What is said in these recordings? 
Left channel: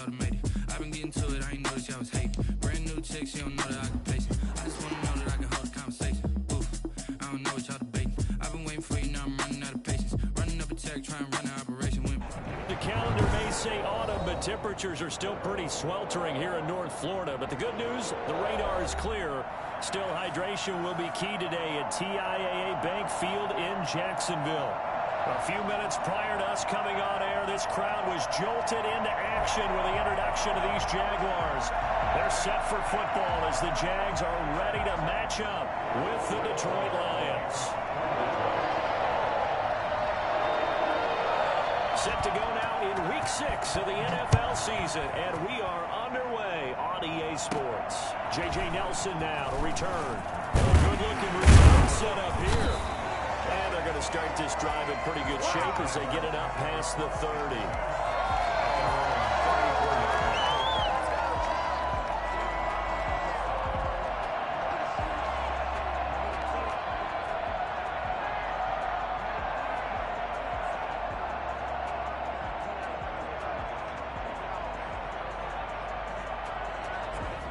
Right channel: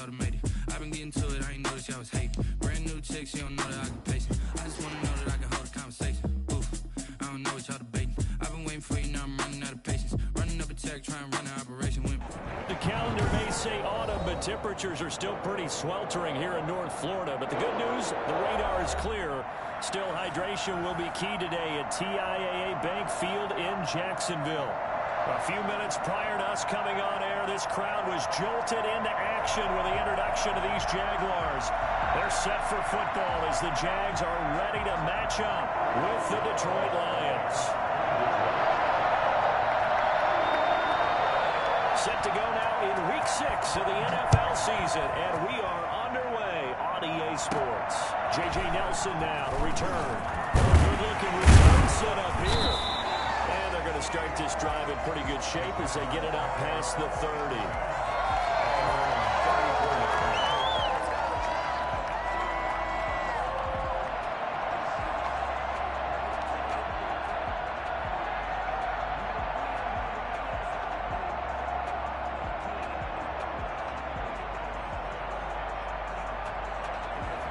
automated. I've been getting to it, I ain't noticed y'all was hating. Brand new chick, she don't know that I can pace it. I just wanna know that I can hold a conversation. Oof, I don't know what y'all debating. I've been waiting for you, now I'm running out of patience. Running up a check, trying to run an operation with me. The calendar may say autumn, but temperatures are still pretty sweltering here in North Florida. But the good news, the radar is clear. Still, hydration will be key today at TIAA Bank Field in Jacksonville. A few minutes prior to us coming on air, this crowd was jolted into action with the introduction of these Jaguars. They're set for football as the Jags are ready to match up with the Detroit Lions. Set to go now in Week 6 of the NFL season, and we are underway on EA Sports. J.J. Nelson now to return. Good-looking return set up here. And they're going to start this drive in pretty good shape as they get it up past the 30.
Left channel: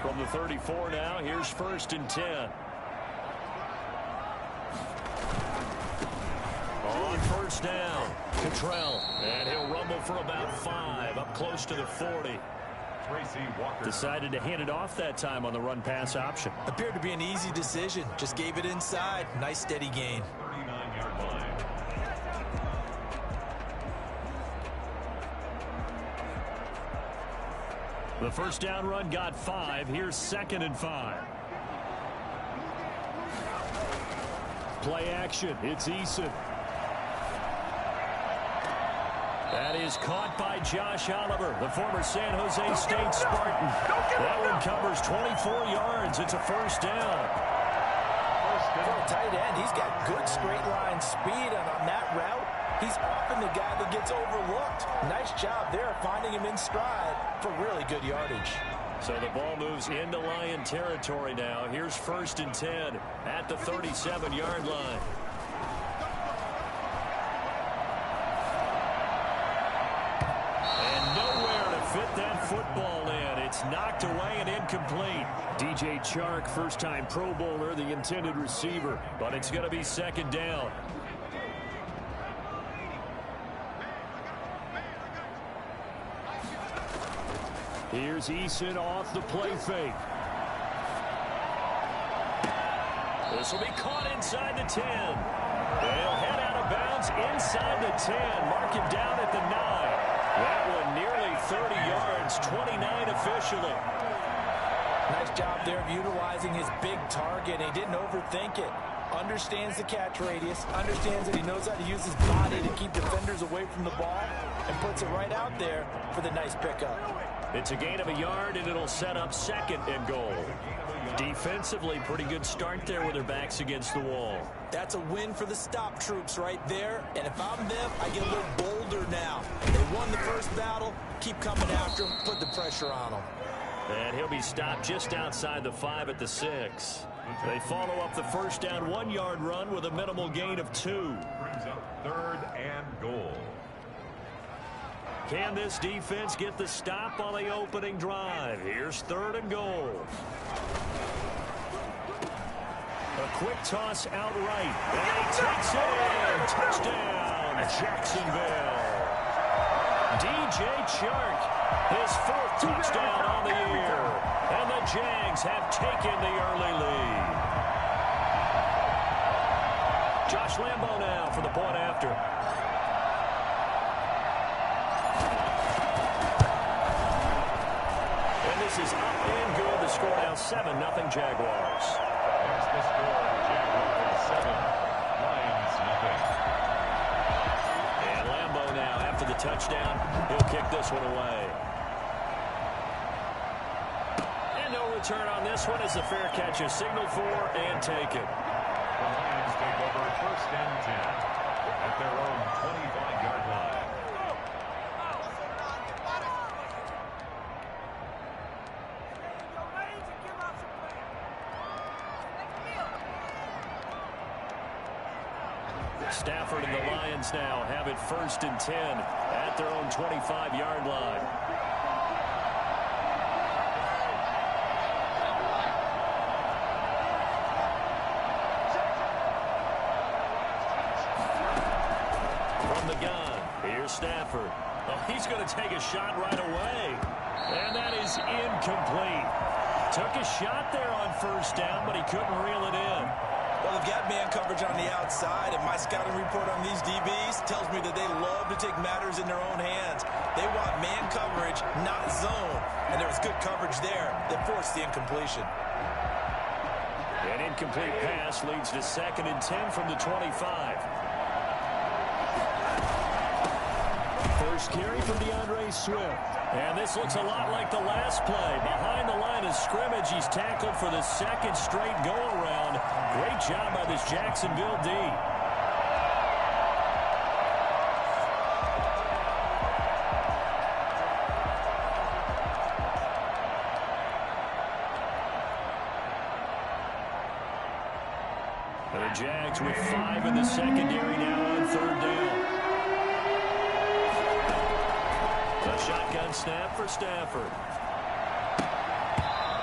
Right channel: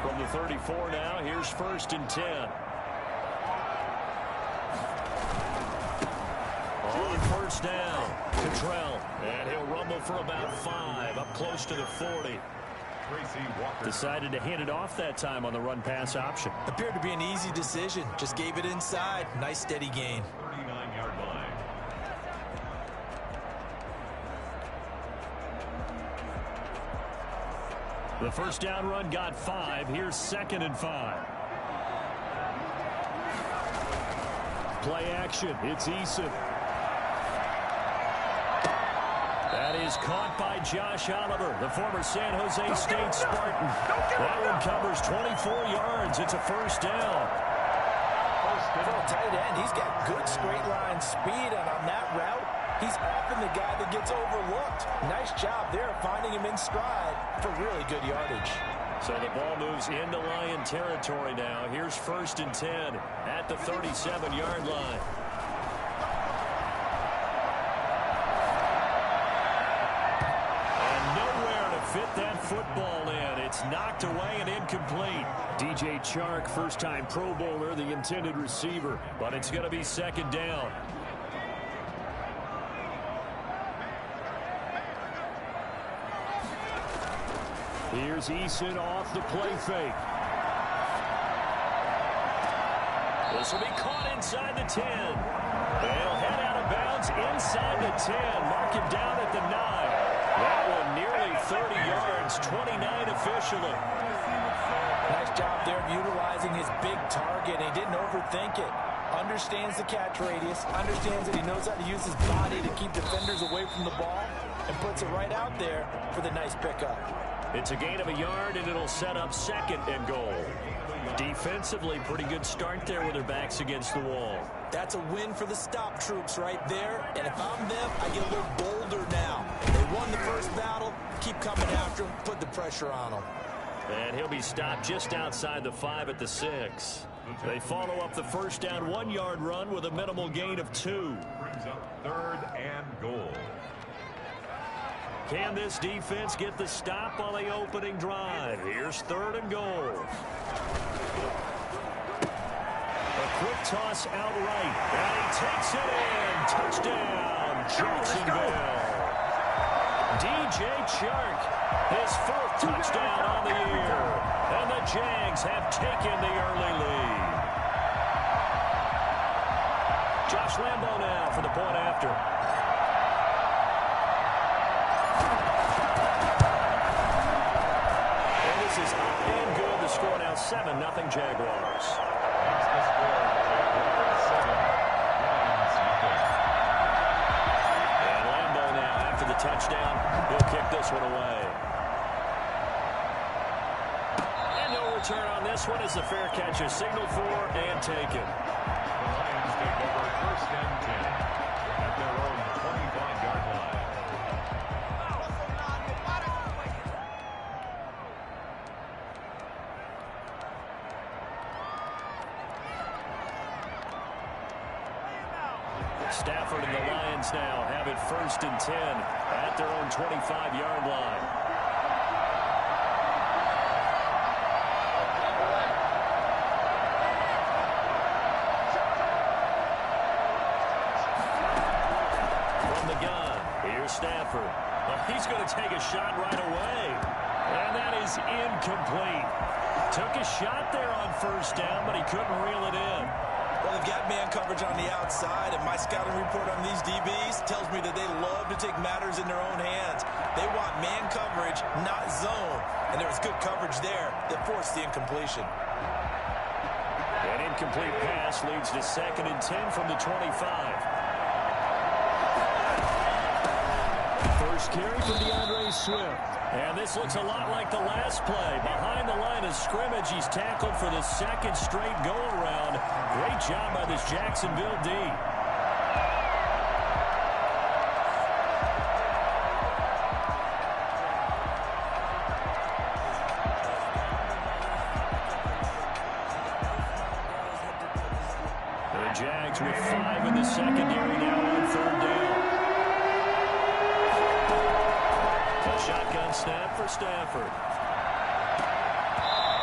From the 34 now, here's 1st and 10. On 1st down, Cottrell, and he'll rumble for about 5, up close to the 40. Decided to hand it off that time on the run-pass option. Appeared to be an easy decision. Just gave it inside. Nice steady gain. 39-yard line. The 1st down run got 5. Here's 2nd and 5. Play action. It's Eason. That is caught by Josh Oliver, the former San Jose State Spartan. That one covers 24 yards. It's a 1st down. For a tight end, he's got good straight line speed, and on that route, he's often the guy that gets overlooked. Nice job there finding him in stride for really good yardage. So the ball moves into Lion territory now. Here's 1st and 10 at the 37-yard line. And nowhere to fit that football in. It's knocked away and incomplete. DJ Chark, first-time Pro Bowler, the intended receiver. But it's going to be 2nd down. Here's Eason off the play fake. This will be caught inside the 10. They'll head out of bounds inside the 10. Mark him down at the 9. That one nearly 30 yards, 29 officially. Nice job there of utilizing his big target. He didn't overthink it. Understands the catch radius, understands that he knows how to use his body to keep defenders away from the ball, and puts it right out there for the nice pickup. It's a gain of a yard, and it'll set up 2nd and goal. Defensively, pretty good start there with their backs against the wall. That's a win for the stop troops right there, and if I'm them, I get a little bolder now. They won the first battle, keep coming after him, put the pressure on him. And he'll be stopped just outside the 5 at the 6. They follow up the 1st down 1-yard run with a minimal gain of 2. Brings up 3rd and goal. Can this defense get the stop on the opening drive? Here's 3rd and goal. A quick toss outright, and he takes it in. Touchdown, Jacksonville. DJ Chark, his 4th touchdown on the year. And the Jags have taken the early lead. Josh Lambo now for the point after. And this is up and good. The score now 7-0 Jaguars. That's the score. Jaguars 7, Lions nothing. And Lambo now after the touchdown. He'll kick this one away. And no return on this one as the fair catch is signaled for and taken. The Lions take over 1st and 10 at their own 25-yard line. Stafford and the Lions now have it 1st and 10 at their own 25-yard line. Here's Stafford. Oh, he's going to take a shot right away. And that is incomplete. Took a shot there on first down, but he couldn't reel it in. Well, they've got man coverage on the outside, and my scouting report on these DBs tells me that they love to take matters in their own hands. They want man coverage, not zone. And there was good coverage there that forced the incompletion. An incomplete pass leads to 2nd and 10 from the 25. First carry for DeAndre Swift. And this looks a lot like the last play. Behind the line of scrimmage, he's tackled for the 2nd straight go-around. Great job by this Jacksonville D. The Jags with 5 in the secondary now on 3rd down. A shotgun snap for Stafford.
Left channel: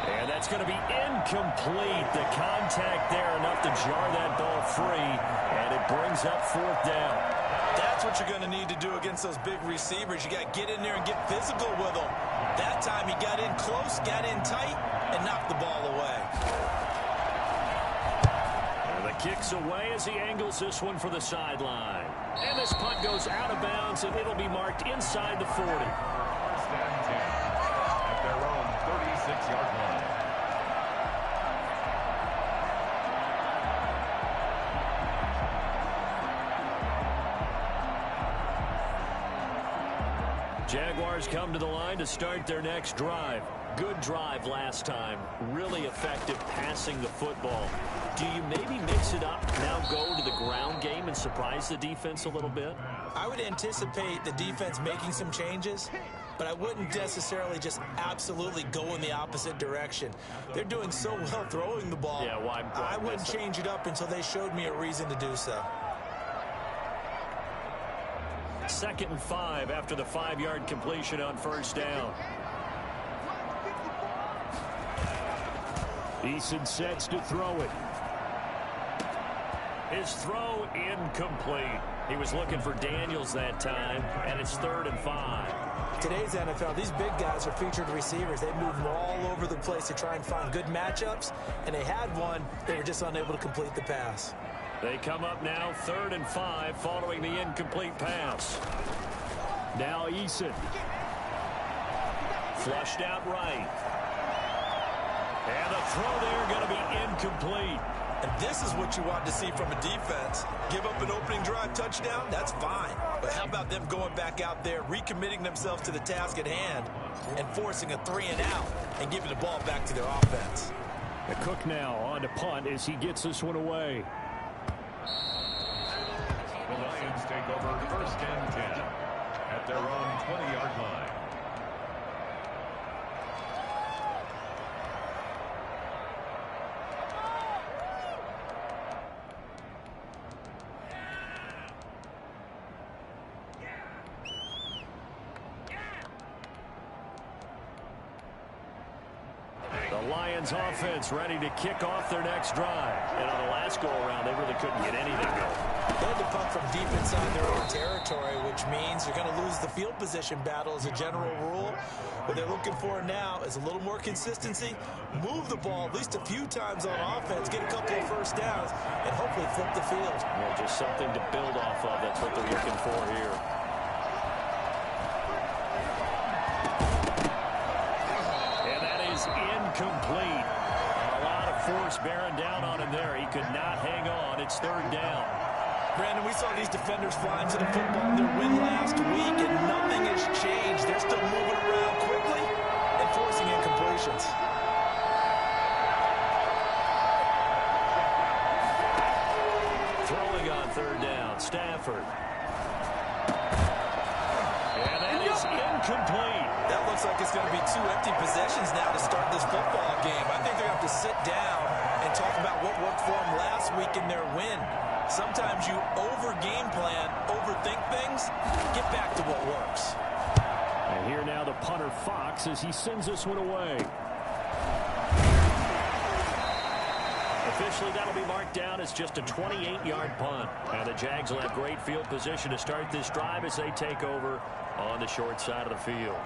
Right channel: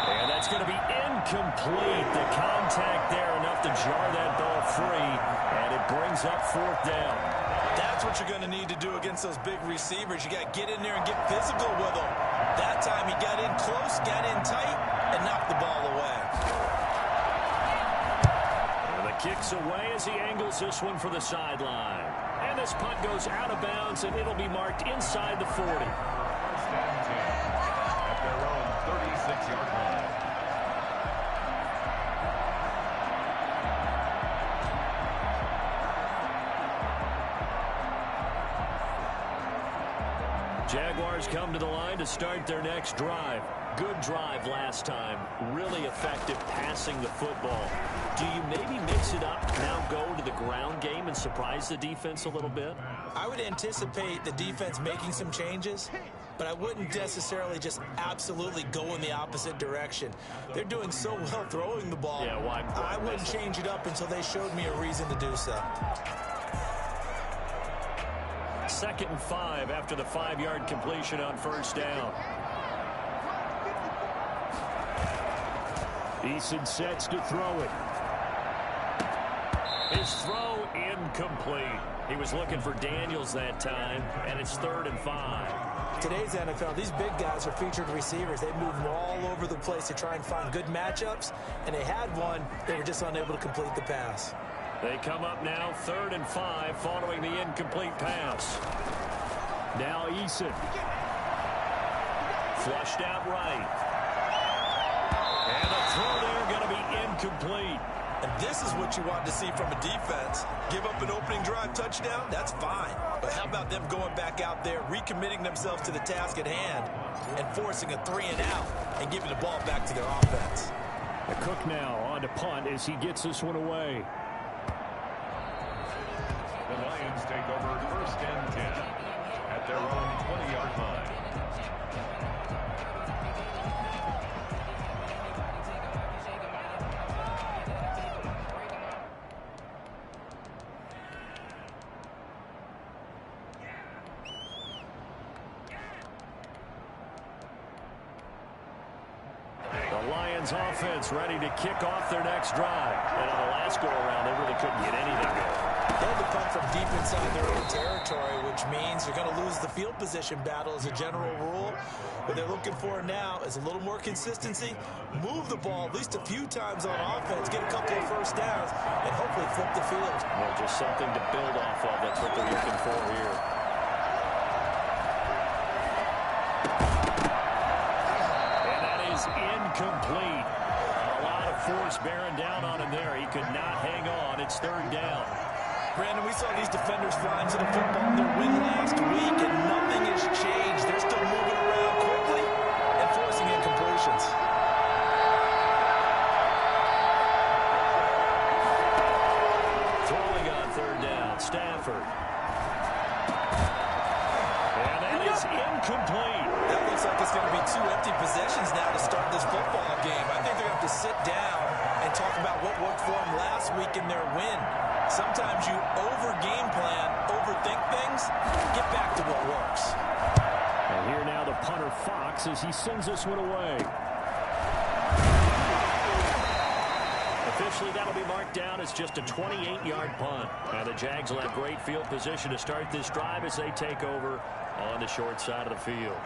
And that's going to be incomplete. The contact there enough to jar that ball free, and it brings up 4th down. That's what you're going to need to do against those big receivers. You got to get in there and get physical with them. That time he got in close, got in tight, and knocked the ball away. And the kick's away as he angles this one for the sideline. And this punt goes out of bounds, and it'll be marked inside the 40. 1st and 10 at their own 36-yard line. Jaguars come to the line to start their next drive. Good drive last time. Really effective passing the football. Do you maybe mix it up, now go to the ground game and surprise the defense a little bit? I would anticipate the defense making some changes, but I wouldn't necessarily just absolutely go in the opposite direction. They're doing so well throwing the ball. Yeah, why I wouldn't change it up until they showed me a reason to do so. 2nd and 5 after the 5-yard completion on 1st down. Eason sets to throw it. His throw incomplete. He was looking for Daniels that time, and it's 3rd and 5. Today's NFL, these big guys are featured receivers. They move them all over the place to try and find good matchups, and they had one. They were just unable to complete the pass. They come up now 3rd and 5 following the incomplete pass. Now Eason. Flushed out right. And the throw there going to be incomplete. And this is what you want to see from a defense. Give up an opening drive touchdown, that's fine. But how about them going back out there, recommitting themselves to the task at hand, and forcing a 3-and-out and giving the ball back to their offense. The Cook now on to punt as he gets this one away. The Lions take over 1st and 10 at their own 20-yard line. The Lions offense ready to kick off their next drive. And on the last go-around, they really couldn't get anything going. They had to punt from deep inside their own territory, which means you're going to lose the field position battle as a general rule. What they're looking for now is a little more consistency, move the ball at least a few times on offense, get a couple of first downs, and hopefully flip the field. Well, just something to build off of. That's what they're looking for here. And that is incomplete. A lot of force bearing down on him there. He could not hang on. It's 3rd down. Brandon, we saw these defenders fly into the football in their win last week, and nothing has changed. They're still moving around quickly and forcing incompletions. Throwing on 3rd down, Stafford. And that is incomplete. That looks like it's going to be 2 empty possessions now to start this football game. I think they're going to have to sit down and talk about what worked for them last week in their win. Sometimes you over-game plan, overthink things, get back to what works. And here now the punter Fox as he sends this one away. The Officially, that'll be marked down as just a 28-yard punt. And the Jags will have great field position to start this drive as they take over on the short side of the field.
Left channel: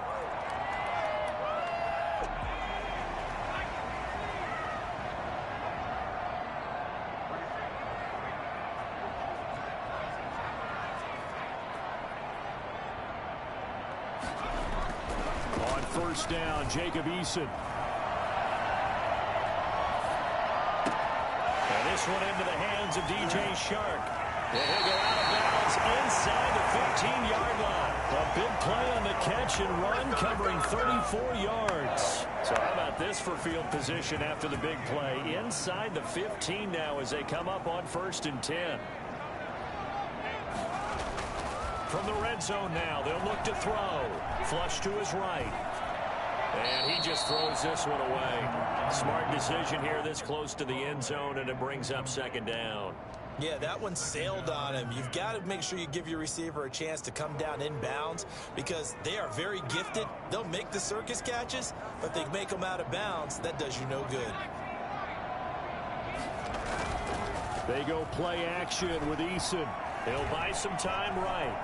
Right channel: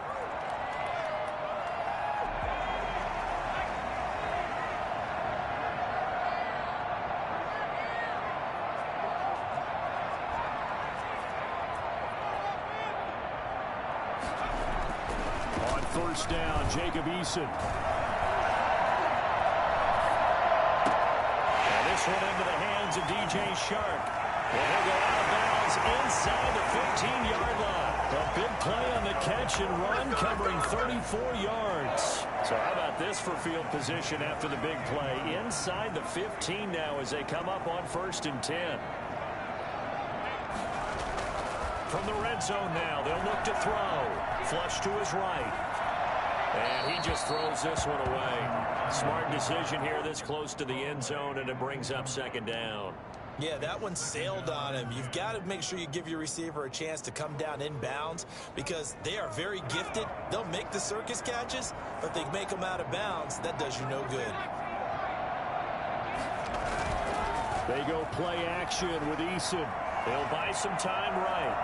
On first down, Jacob Eason. And this one into the hands of DJ Shark. And he'll go out of bounds inside the 15-yard line. A big play on the catch and run, covering 34 yards. So how about this for field position after the big play? Inside the 15 now as they come up on 1st and 10. From the red zone now, they'll look to throw. Flush to his right. And he just throws this one away. Smart decision here this close to the end zone, and it brings up 2nd down. Yeah, that one sailed on him. You've got to make sure you give your receiver a chance to come down inbounds because they are very gifted. They'll make the circus catches, but if they make them out of bounds, that does you no good. They go play action with Eason. They'll buy some time right.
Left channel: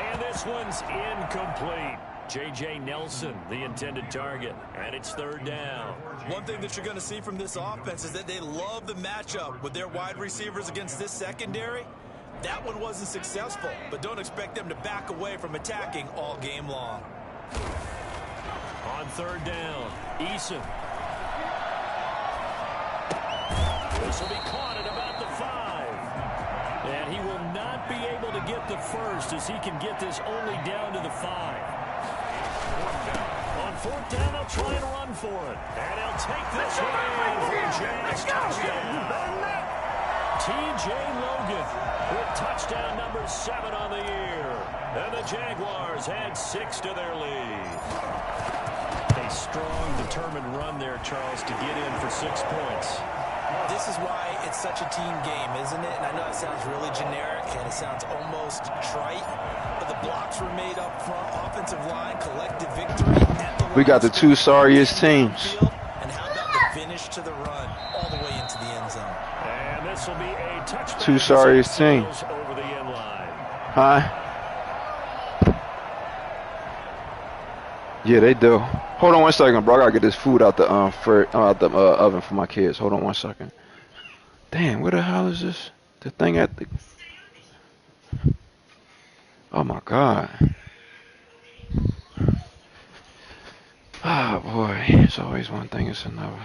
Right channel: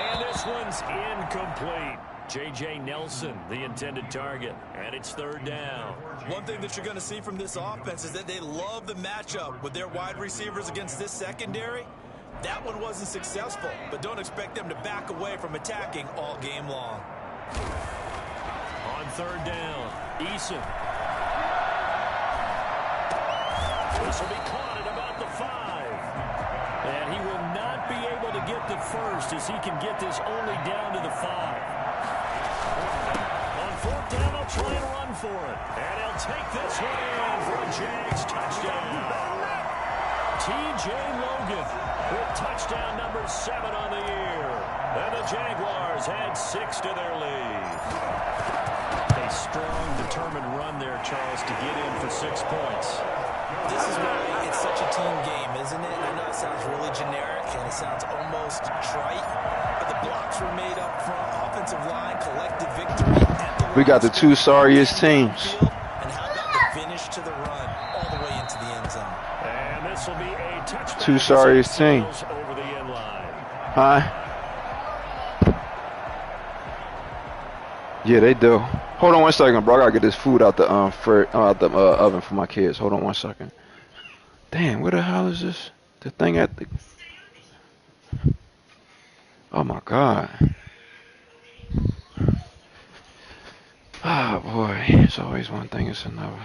And this one's incomplete. J.J. Nelson, the intended target, and it's 3rd down. One thing that you're going to see from this offense is that they love the matchup with their wide receivers against this secondary. That one wasn't successful, but don't expect them to back away from attacking all game long. On 3rd down, Eason. This will be caught at about the 5. And he will not be able to get the first as he can get this only down to the 5. On 4th down, they'll try and run for it. And he'll take this one in for a Jags touchdown. T.J. Logan with touchdown number 7 on the year. And the Jaguars add 6 to their lead. A strong, determined run there, Charles, to get in for 6 points. This is why it's such a team game, isn't it? And I know it sounds really generic and it sounds almost trite, but the blocks were made up front, offensive line, collective victory. We got the 2 sorriest teams. And how about the finish to the run all the way into the end zone? And this will be a touchback. 2 sorriest teams. Over the end line. Huh? Yeah, they do. Hold on 1 second, bro. I gotta get this food out the oven for my kids. Hold on 1 second. Damn, where the hell is this? The thing at the... Oh my God. Ah, boy. It's always one thing, it's another.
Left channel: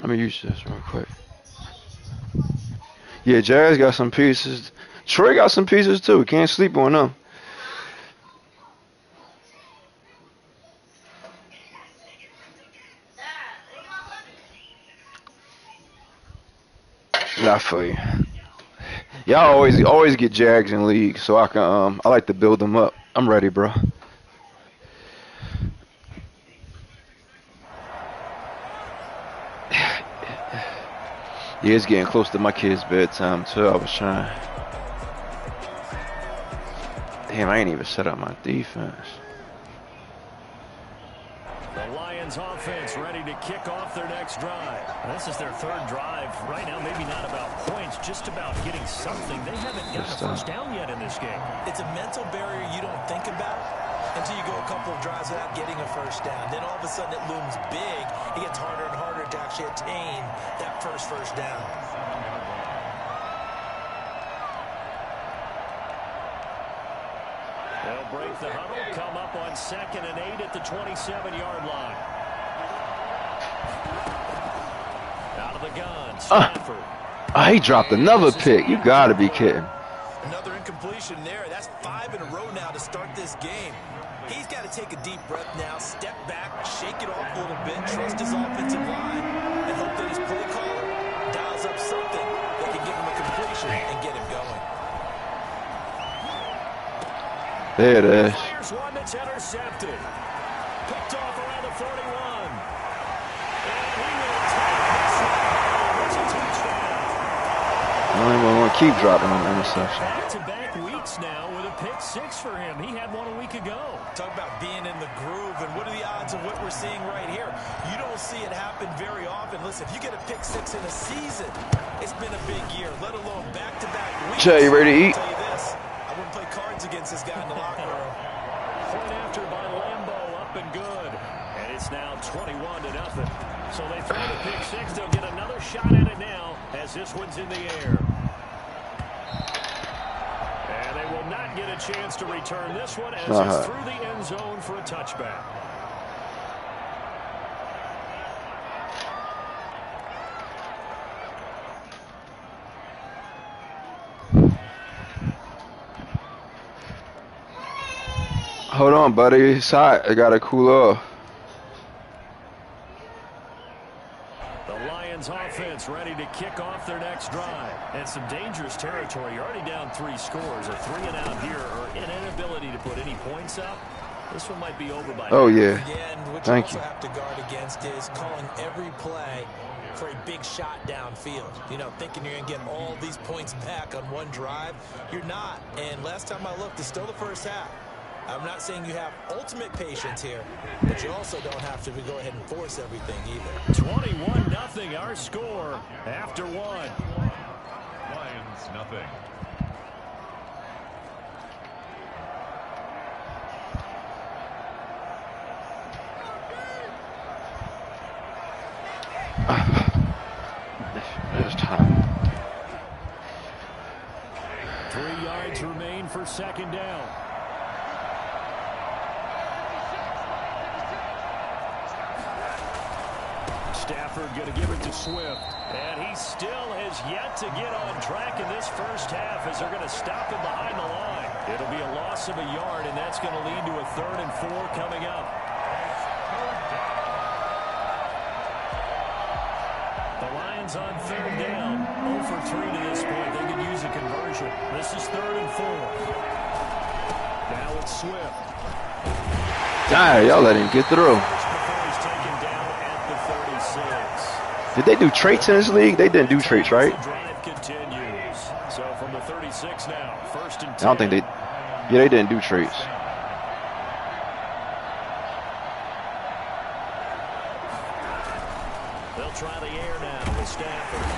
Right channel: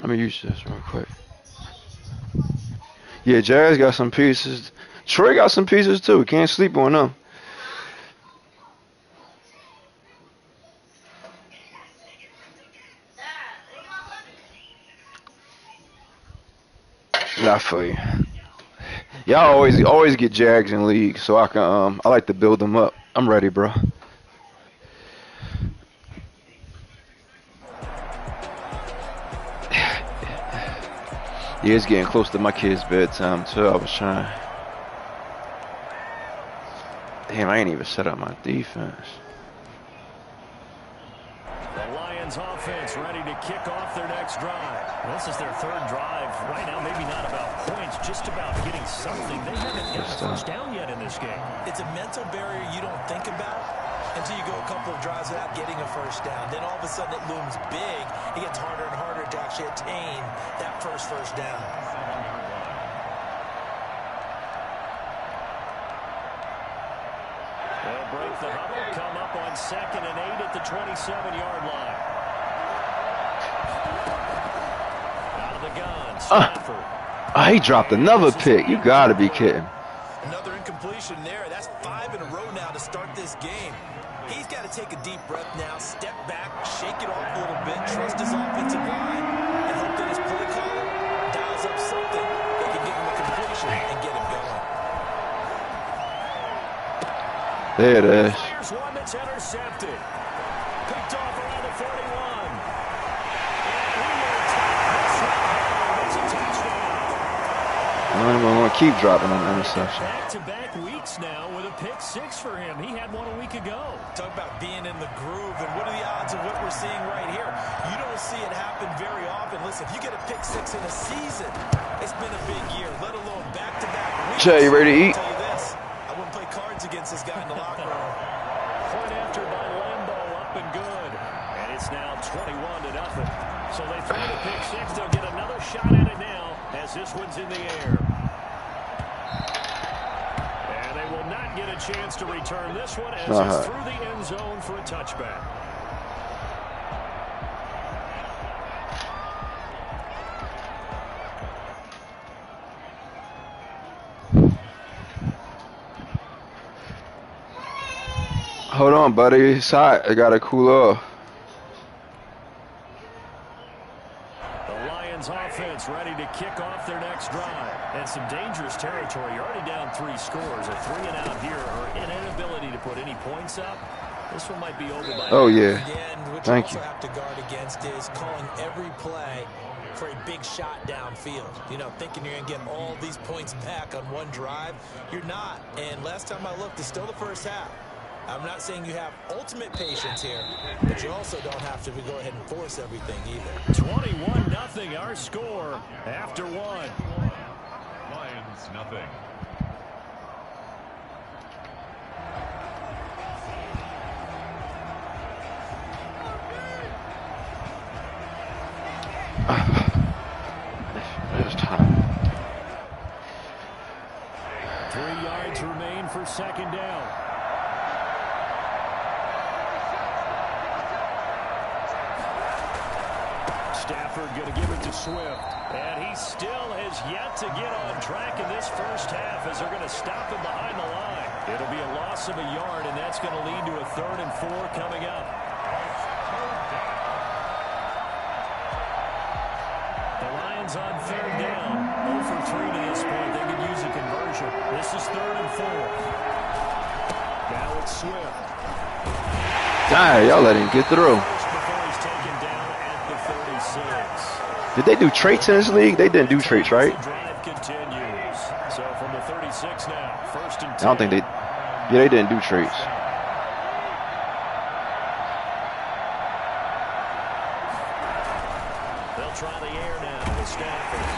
Let me use this real quick. Yeah, Jazz got some pieces. Troy got some pieces too. Can't sleep on them. I feel you. Y'all always get Jags in league, so I can I like to build them up. I'm ready, bro. Yeah, it's getting close to my kids' bedtime too. I was trying. Damn, I ain't even set up my defense. The Lions offense ready to kick off their next drive. This is their 3rd drive. Right now, maybe not about points, just about getting something. They haven't got a first down yet in this game. It's a mental barrier you don't think about until you go a couple of drives without getting a first down. Then all of a sudden it looms big. It gets harder and harder to actually attain that first down. They'll break the huddle, come up on 2nd and 8 at the 27-yard line. Out of the gun, Stafford. He dropped another pick. You gotta be kidding. Another incompletion there. That's 5 in a row now to start this game. He's got to take a deep breath now, step back, shake it off a little bit, trust his offensive line, and hope that his play caller dials up something that can give him a completion and get him going. There it is. Here's one that's intercepted. Picked off around the 41. And he will take this one home. It's a touchdown. I'm going to keep dropping on the interception. Back-to-back week Bucks now with a pick 6 for him. He had one a week ago. Talk about being in the groove, and what are the odds of what we're seeing right here? You don't see it happen very often. Listen, if you get a pick 6 in a season, it's been a big year, let alone back-to-back weeks. Jay, you ready to eat? I'll tell you this, I wouldn't play cards against this guy in the locker room. Point after by Lambeau, up and good. And it's now 21-0. So they throw the pick 6. They'll get another shot at it now as this one's in the air. And they will not get a chance to return this one as it's through the end zone for a touchback. Hold on, buddy. It's hot. I gotta cool off. The Lions offense ready to kick off their next drive. And some dangerous territory. You're already down 3 scores. A 3-and-out here or an inability to put any points up. This one might be over by Oh, now. yeah. Again, what Thank you you. also have to guard against is calling every play for a big shot downfield. You know, thinking you're going to get all these points back on one drive. You're not. And last time I looked, it's still the first half. I'm not saying you have ultimate patience here, but you also don't have to go ahead and force everything either. 21-0 our score after 1. Lions nothing. It's time. 3 yards remain for 2nd down. Stafford going to give it to Swift. And he still has yet to get on track in this first half as they're going to stop him behind the line. It'll be a loss of a yard, and that's going to lead to a 3rd and 4 coming up. The Lions on 3rd down. 0 for 3 to this point. They could use a conversion. This is 3rd and 4. Now it's Swift. Dang, y'all let him get through. Before he's taken down at the 36. Did they do traits in this league? They didn't do traits, right? The drive continues. So from the 36 now, 1st and 10. I don't think they. Yeah, they didn't do traits. They'll try the air now with Stafford.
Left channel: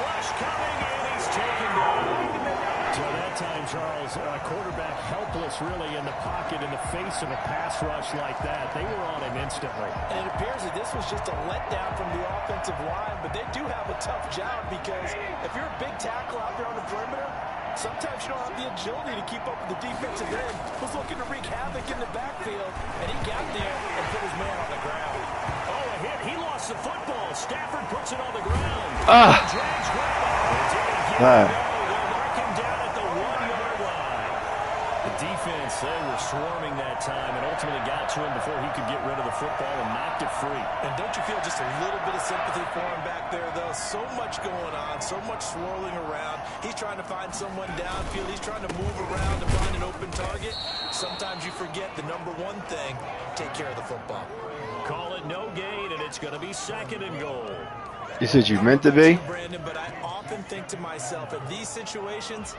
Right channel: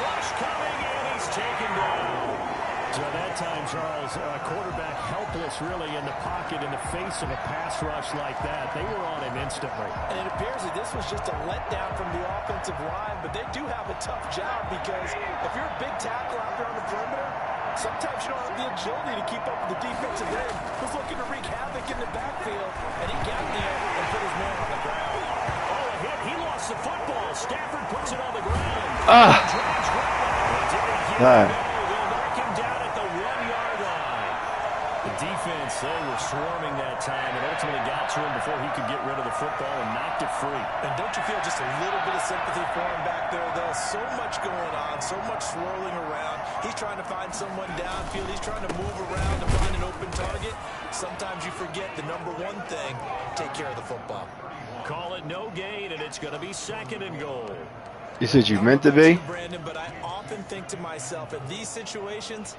Rush coming, and he's taken down. So that time, Charles, quarterback helpless really in the pocket in the face of a pass rush like that. They were on him instantly. And it appears that this was just a letdown from the offensive line, but they do have a tough job because if you're a big tackle out there on the perimeter, sometimes you don't have the agility to keep up with the defensive end. Was looking to wreak havoc in the backfield, and he got there and put his man on the ground. Oh, a hit. He lost the football. Stafford puts it on the ground. Ah. Drags grab it. Did he get Ah. it? No, they'll knock him down at the 1-yard line. The defense, they were swarming that time and ultimately got to him before he could get rid of the football and knocked it free. And don't you feel just a little bit of sympathy for him back there, though? So much going on, so much swirling around. He's trying to find someone downfield. He's trying to move around to find an open target. Sometimes you forget the number one thing, take care of the football. Call it no gain, and it's going to be 2nd and goal. You said you meant to be? Brandon, but I often think to myself, in these situations,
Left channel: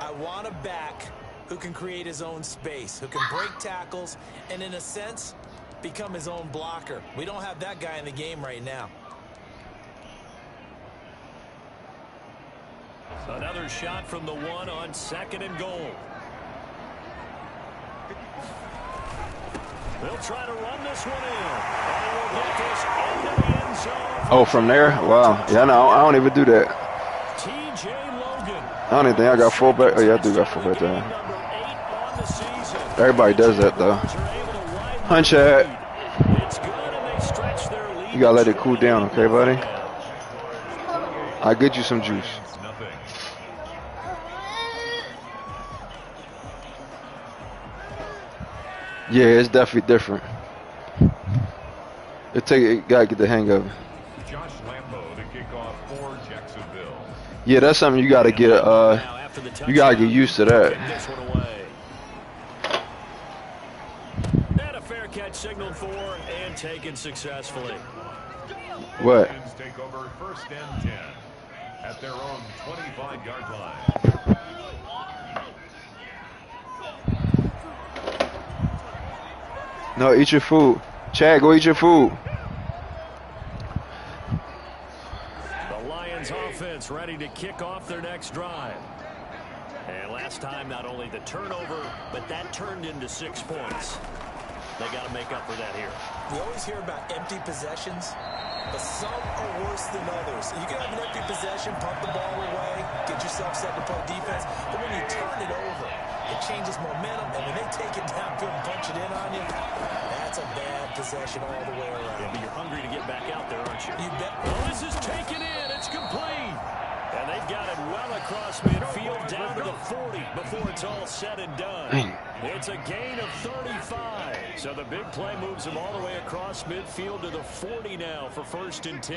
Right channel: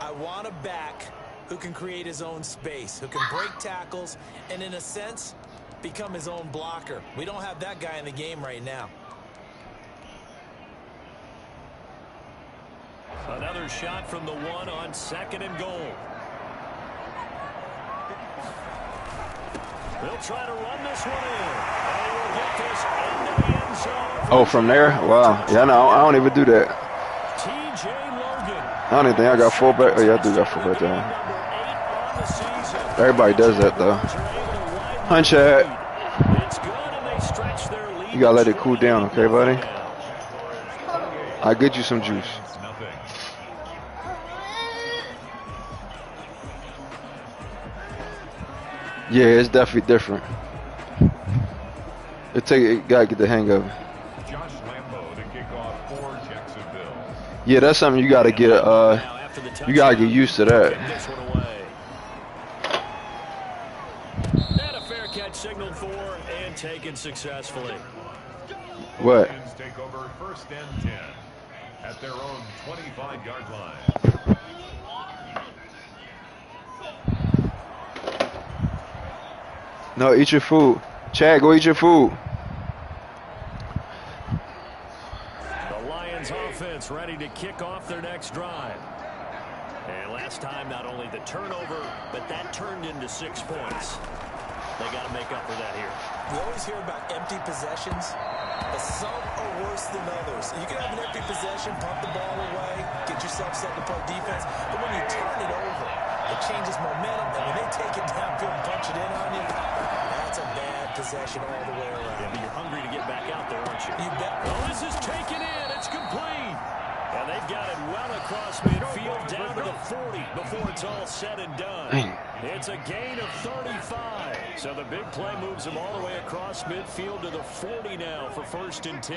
I want a back who can create his own space, who can break tackles, and in a sense, become his own blocker. We don't have that guy in the game right now. Another shot from the 1 on 2nd and goal. They'll try to run this one in. And we'll get this into the end zone. Oh, from there? Wow. Yeah, no, I don't even do that. TJ Logan. I don't even think I got fullback. Oh, yeah, I do got fullback there. Number 8 on the season. Everybody does that, though. Punch it. It's good, and they stretch their lead. You gotta let it cool down, okay, buddy? I'll get you some juice. Lions nothing. Yeah, it's definitely different. It gotta get the hang of it. Josh Lambeau to kick off for Jacksonville. Yeah, that's something you gotta get. You gotta get used to that. This one away. And a fair catch signaled for and taken successfully. What? Lions take over 1st and 10 at their own 25-yard line. No, eat your food. Chad, go eat your food. The Lions offense ready to kick off their next drive. And last time, not only the turnover, but that turned into 6 points. They got to make up for that here. We always hear about empty possessions, but some are worse than others. You can have an empty possession, pump the ball away, get yourself set to play defense, but when you turn it over, it changes momentum, and when they take it downfield and punch it in on you, that's a bad possession all the way around. Yeah, but you're hungry to get back out there, aren't you? You bet. Oh, this is taken in. It's complete. And they've got it well across midfield down to the 40 before it's all said and done. Dang. It's a gain of 35. So the big play moves them all the way across midfield to the 40 now for 1st and 10.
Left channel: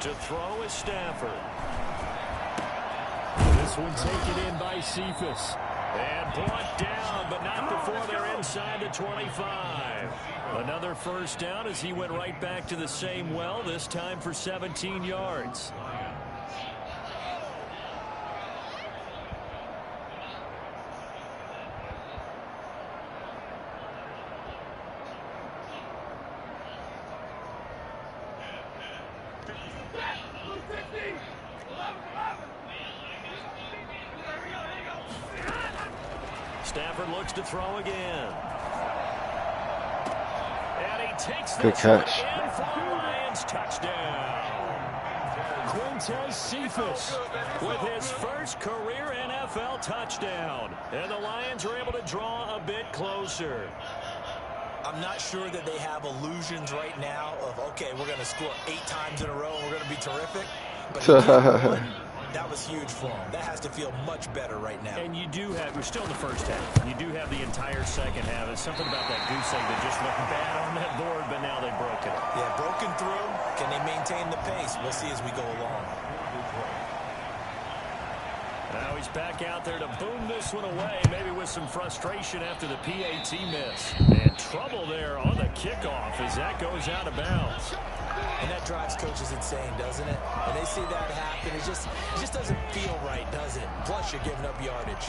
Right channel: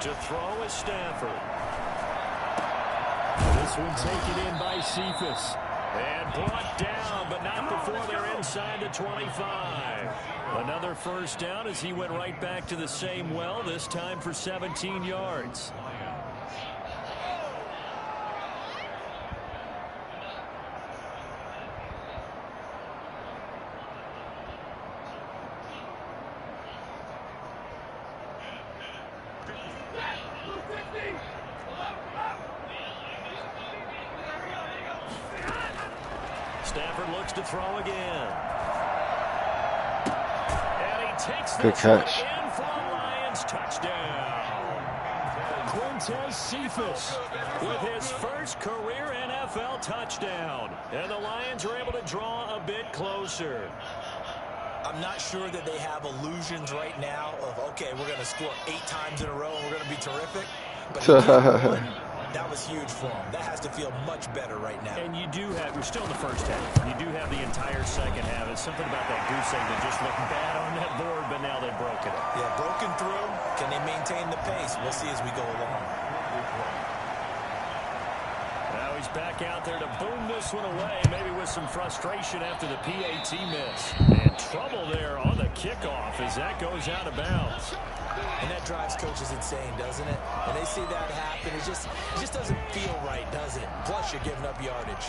To throw is Stafford. This one taken in by Cephas. And brought down, but not before they're inside the 25. Another first down as he went right back to the same well, this time for 17 yards. Stafford looks to throw again. And he takes Good this catch. one in for a Lions touchdown. Quintez Cephas with his first career NFL touchdown. And the Lions are able to draw a bit closer. I'm not sure that they have illusions right now of, okay, we're going to score 8 times in a row and we're going to be terrific. But that was huge for them. That has to feel much better right now. And you do have, we're still in the first half. You do have the entire second half. It's something about that goose egg that just looked bad on that board, but now they've broken it. Yeah, broken through. Can they maintain the pace? We'll see as we go along. Now he's back out there to boom this one away, maybe with some frustration after the PAT miss. And trouble there on the kickoff as that goes out of bounds. And that drives coaches insane, doesn't it? When they see that happen, it just doesn't feel right, does it? Plus, you're giving up yardage.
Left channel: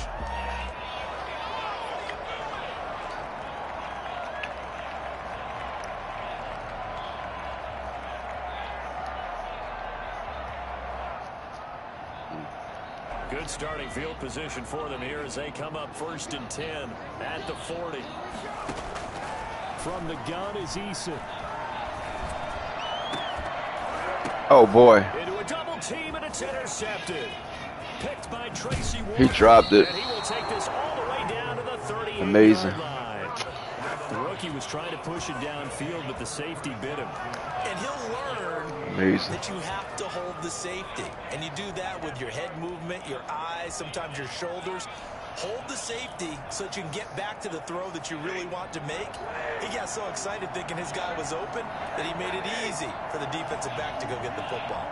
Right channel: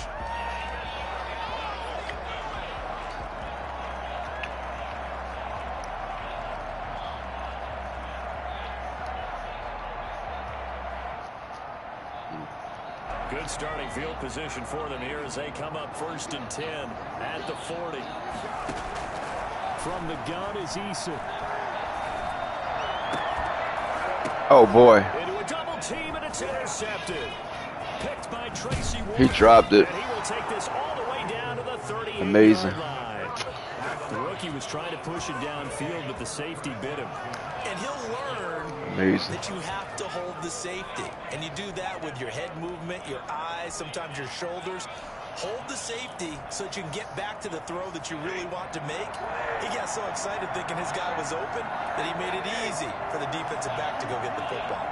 Good starting field position for them here as they come up 1st and 10 at the 40. From the gun is Eason. Oh boy. Into a double team and it's intercepted. Picked by Tracy Ward. He dropped it. And he will take this all the way down to the 38-yard Amazing. line. The rookie was trying to push it downfield, but the safety bit him. And he'll learn Amazing. that you have to hold the safety. And you do that with your head movement, your eyes, sometimes your shoulders. Hold the safety so that you can get back to the throw that you really want to make. He got so excited thinking his guy was open that he made it easy for the defensive back to go get the football.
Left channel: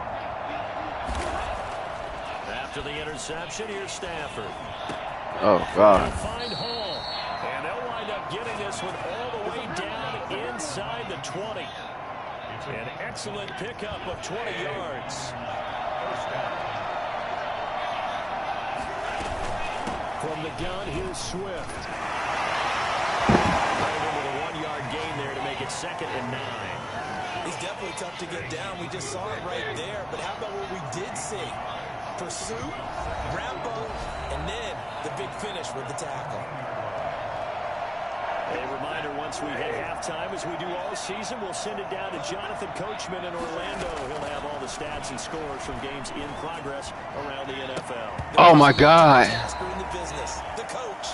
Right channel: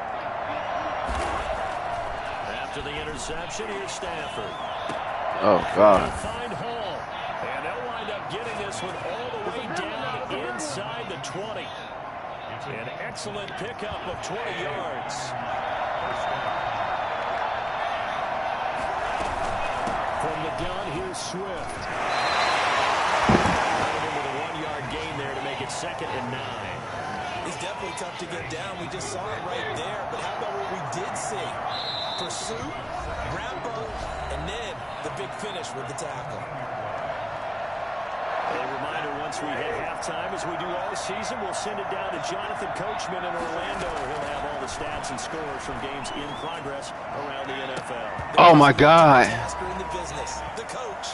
After the interception, here's Stafford. Oh God. They'll find Hall. And they'll wind up getting this one all the way down inside the 20. An excellent pickup of 20 yards. From the gun, here's Swift. Right into the 1-yard gain there to make it 2nd and 9. He's definitely tough to get down. We just saw it right there. But how about what we did see? Pursuit, wrap up, and then the big finish with the tackle. A reminder, once we hit halftime, as we do all season, we'll send it down to Jonathan Coachman in Orlando. He'll have all the stats and scores from games in progress around the NFL. Oh my God. In the business, the coach.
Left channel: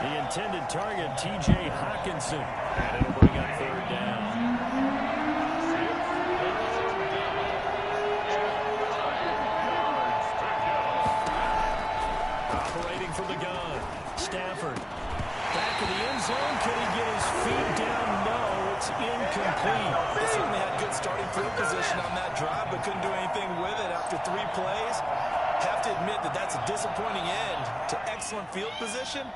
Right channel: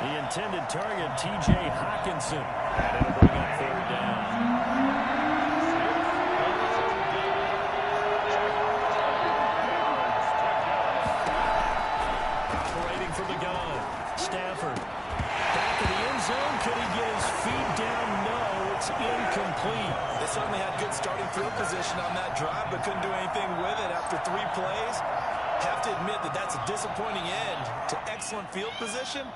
The intended target, T.J. Hockenson. And it'll bring up 3rd down. Operating from the gun, Stafford. Back of the end zone. Could he get his feet down? No, it's incomplete. They certainly had good starting field position on that drive, but couldn't do anything with it after 3 plays. Have to admit that that's a disappointing end to excellent field position.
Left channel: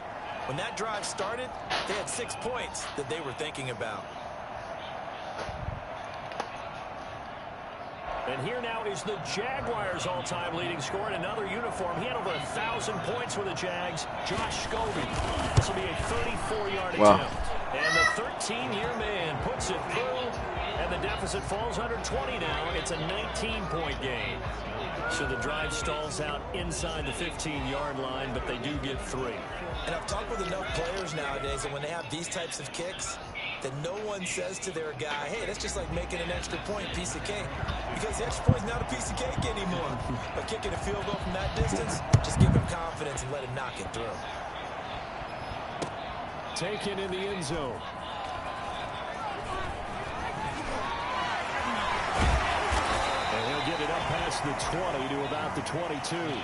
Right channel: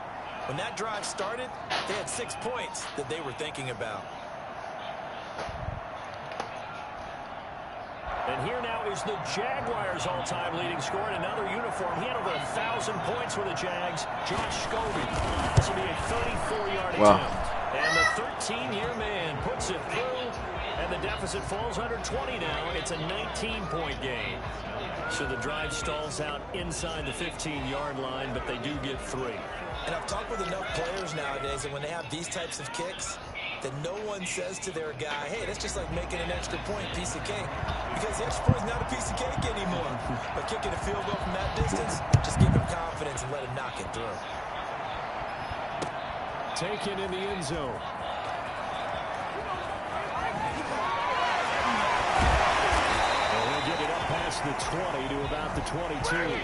When that drive started, they had 6 points that they were thinking about. And here now is the Jaguars' all-time leading scorer in another uniform. He had over 1,000 points with the Jags. Josh Scobie. This will be a 34-yard attempt. And the 13-year man puts it through. And the deficit falls under 20 now. It's a 19-point game. So the drive stalls out inside the 15-yard line, but they do get 3. And I've talked with enough players nowadays, and when they have these types of kicks, that no one says to their guy, hey, that's just like making an extra point, piece of cake. Because the extra point is not a piece of cake anymore. But kicking a field goal from that distance, just give him confidence and let him knock it through. Taken in the end zone. And he'll get it up past the 20 to about the 22. First and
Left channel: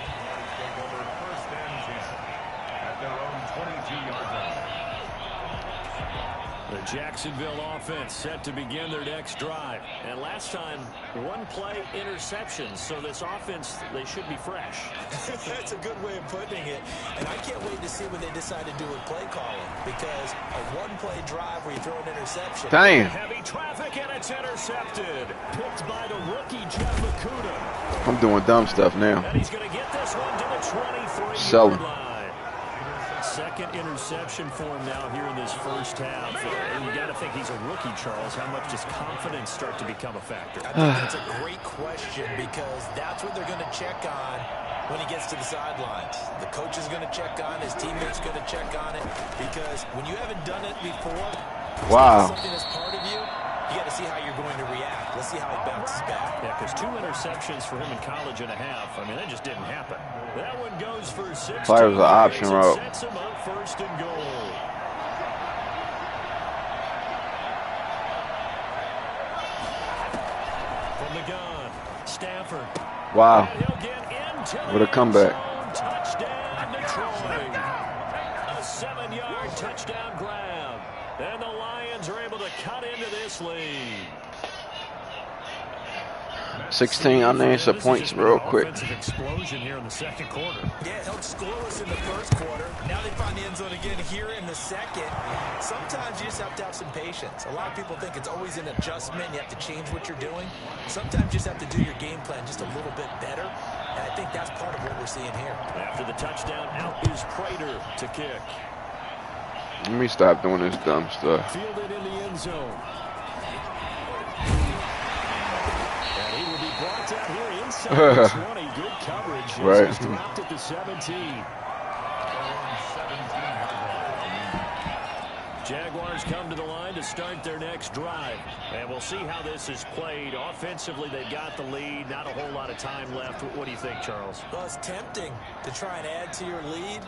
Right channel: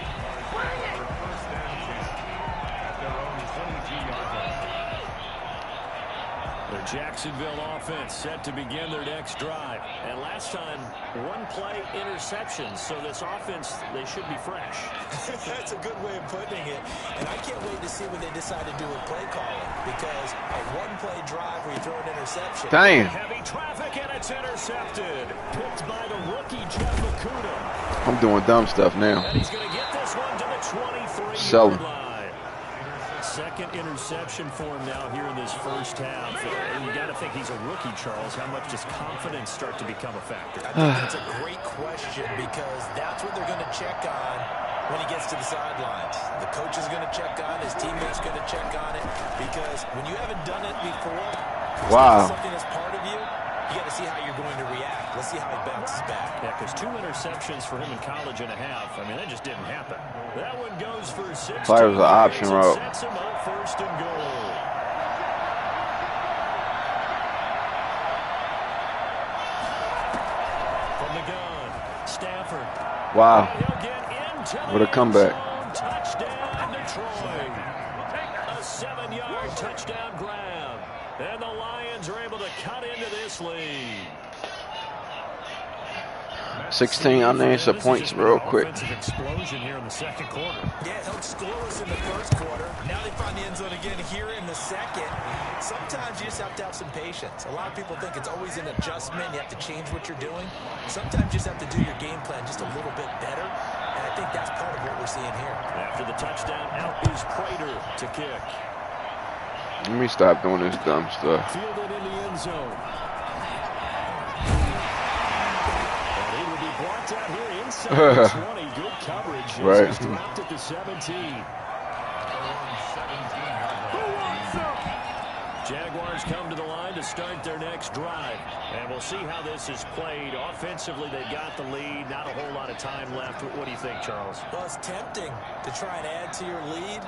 10 at their own 22-yard line. The Jacksonville offense set to begin their next drive. And last time, one-play interceptions. So this offense, they should be fresh. That's a good way of putting it. And I can't wait to see what they decide to do with play calling. Because a one-play drive where you throw an interception. Damn. Heavy traffic, and it's intercepted. Picked by the rookie, Jeff Okudah. I'm doing dumb stuff now. And he's going to get this one to the 23-yard line. Second interception for him now here in this first half. And you got to think he's a rookie, Charles. How much does confidence start to become a factor? I think that's a great question because that's what they're going to check on when he gets to the sidelines. The coach is going to check on, his teammates going to check on it because when you haven't done it before, something that's part of you, you got to see how you're going to react. Let's see how he bounces back. Yeah, because 2 interceptions for him in college and a half. I mean, that just didn't happen. That one goes for 6. Fire was an option route. Sets him up first and goal. From the gun, Stafford. Wow. And he'll get into What a comeback. Touchdown, Detroit. A 7-yard touchdown grab. And the Lions are able to cut into this lead. 16 unanswered points real quick. Offensive explosion here in the second quarter. Yeah, it helped scoreless in the first quarter. Now they find the end zone again here in the second. Sometimes you just have to have some patience. A lot of people think it's always an adjustment. You have to change what you're doing. Sometimes you just have to do your game plan just a little bit better. And I think that's part of what we're seeing here. After the touchdown, out is Prater to kick. Let me stop doing this dumb stuff. Fielded in the end zone. And he will be blocked out here inside the 20. Good coverage. Right. He's dropped at the 17. Jaguars come to the line to start their next drive. And we'll see how this is played. Offensively, they've got the lead. Not a whole lot of time left. What do you think, Charles? Well, it's tempting to try and add to your lead,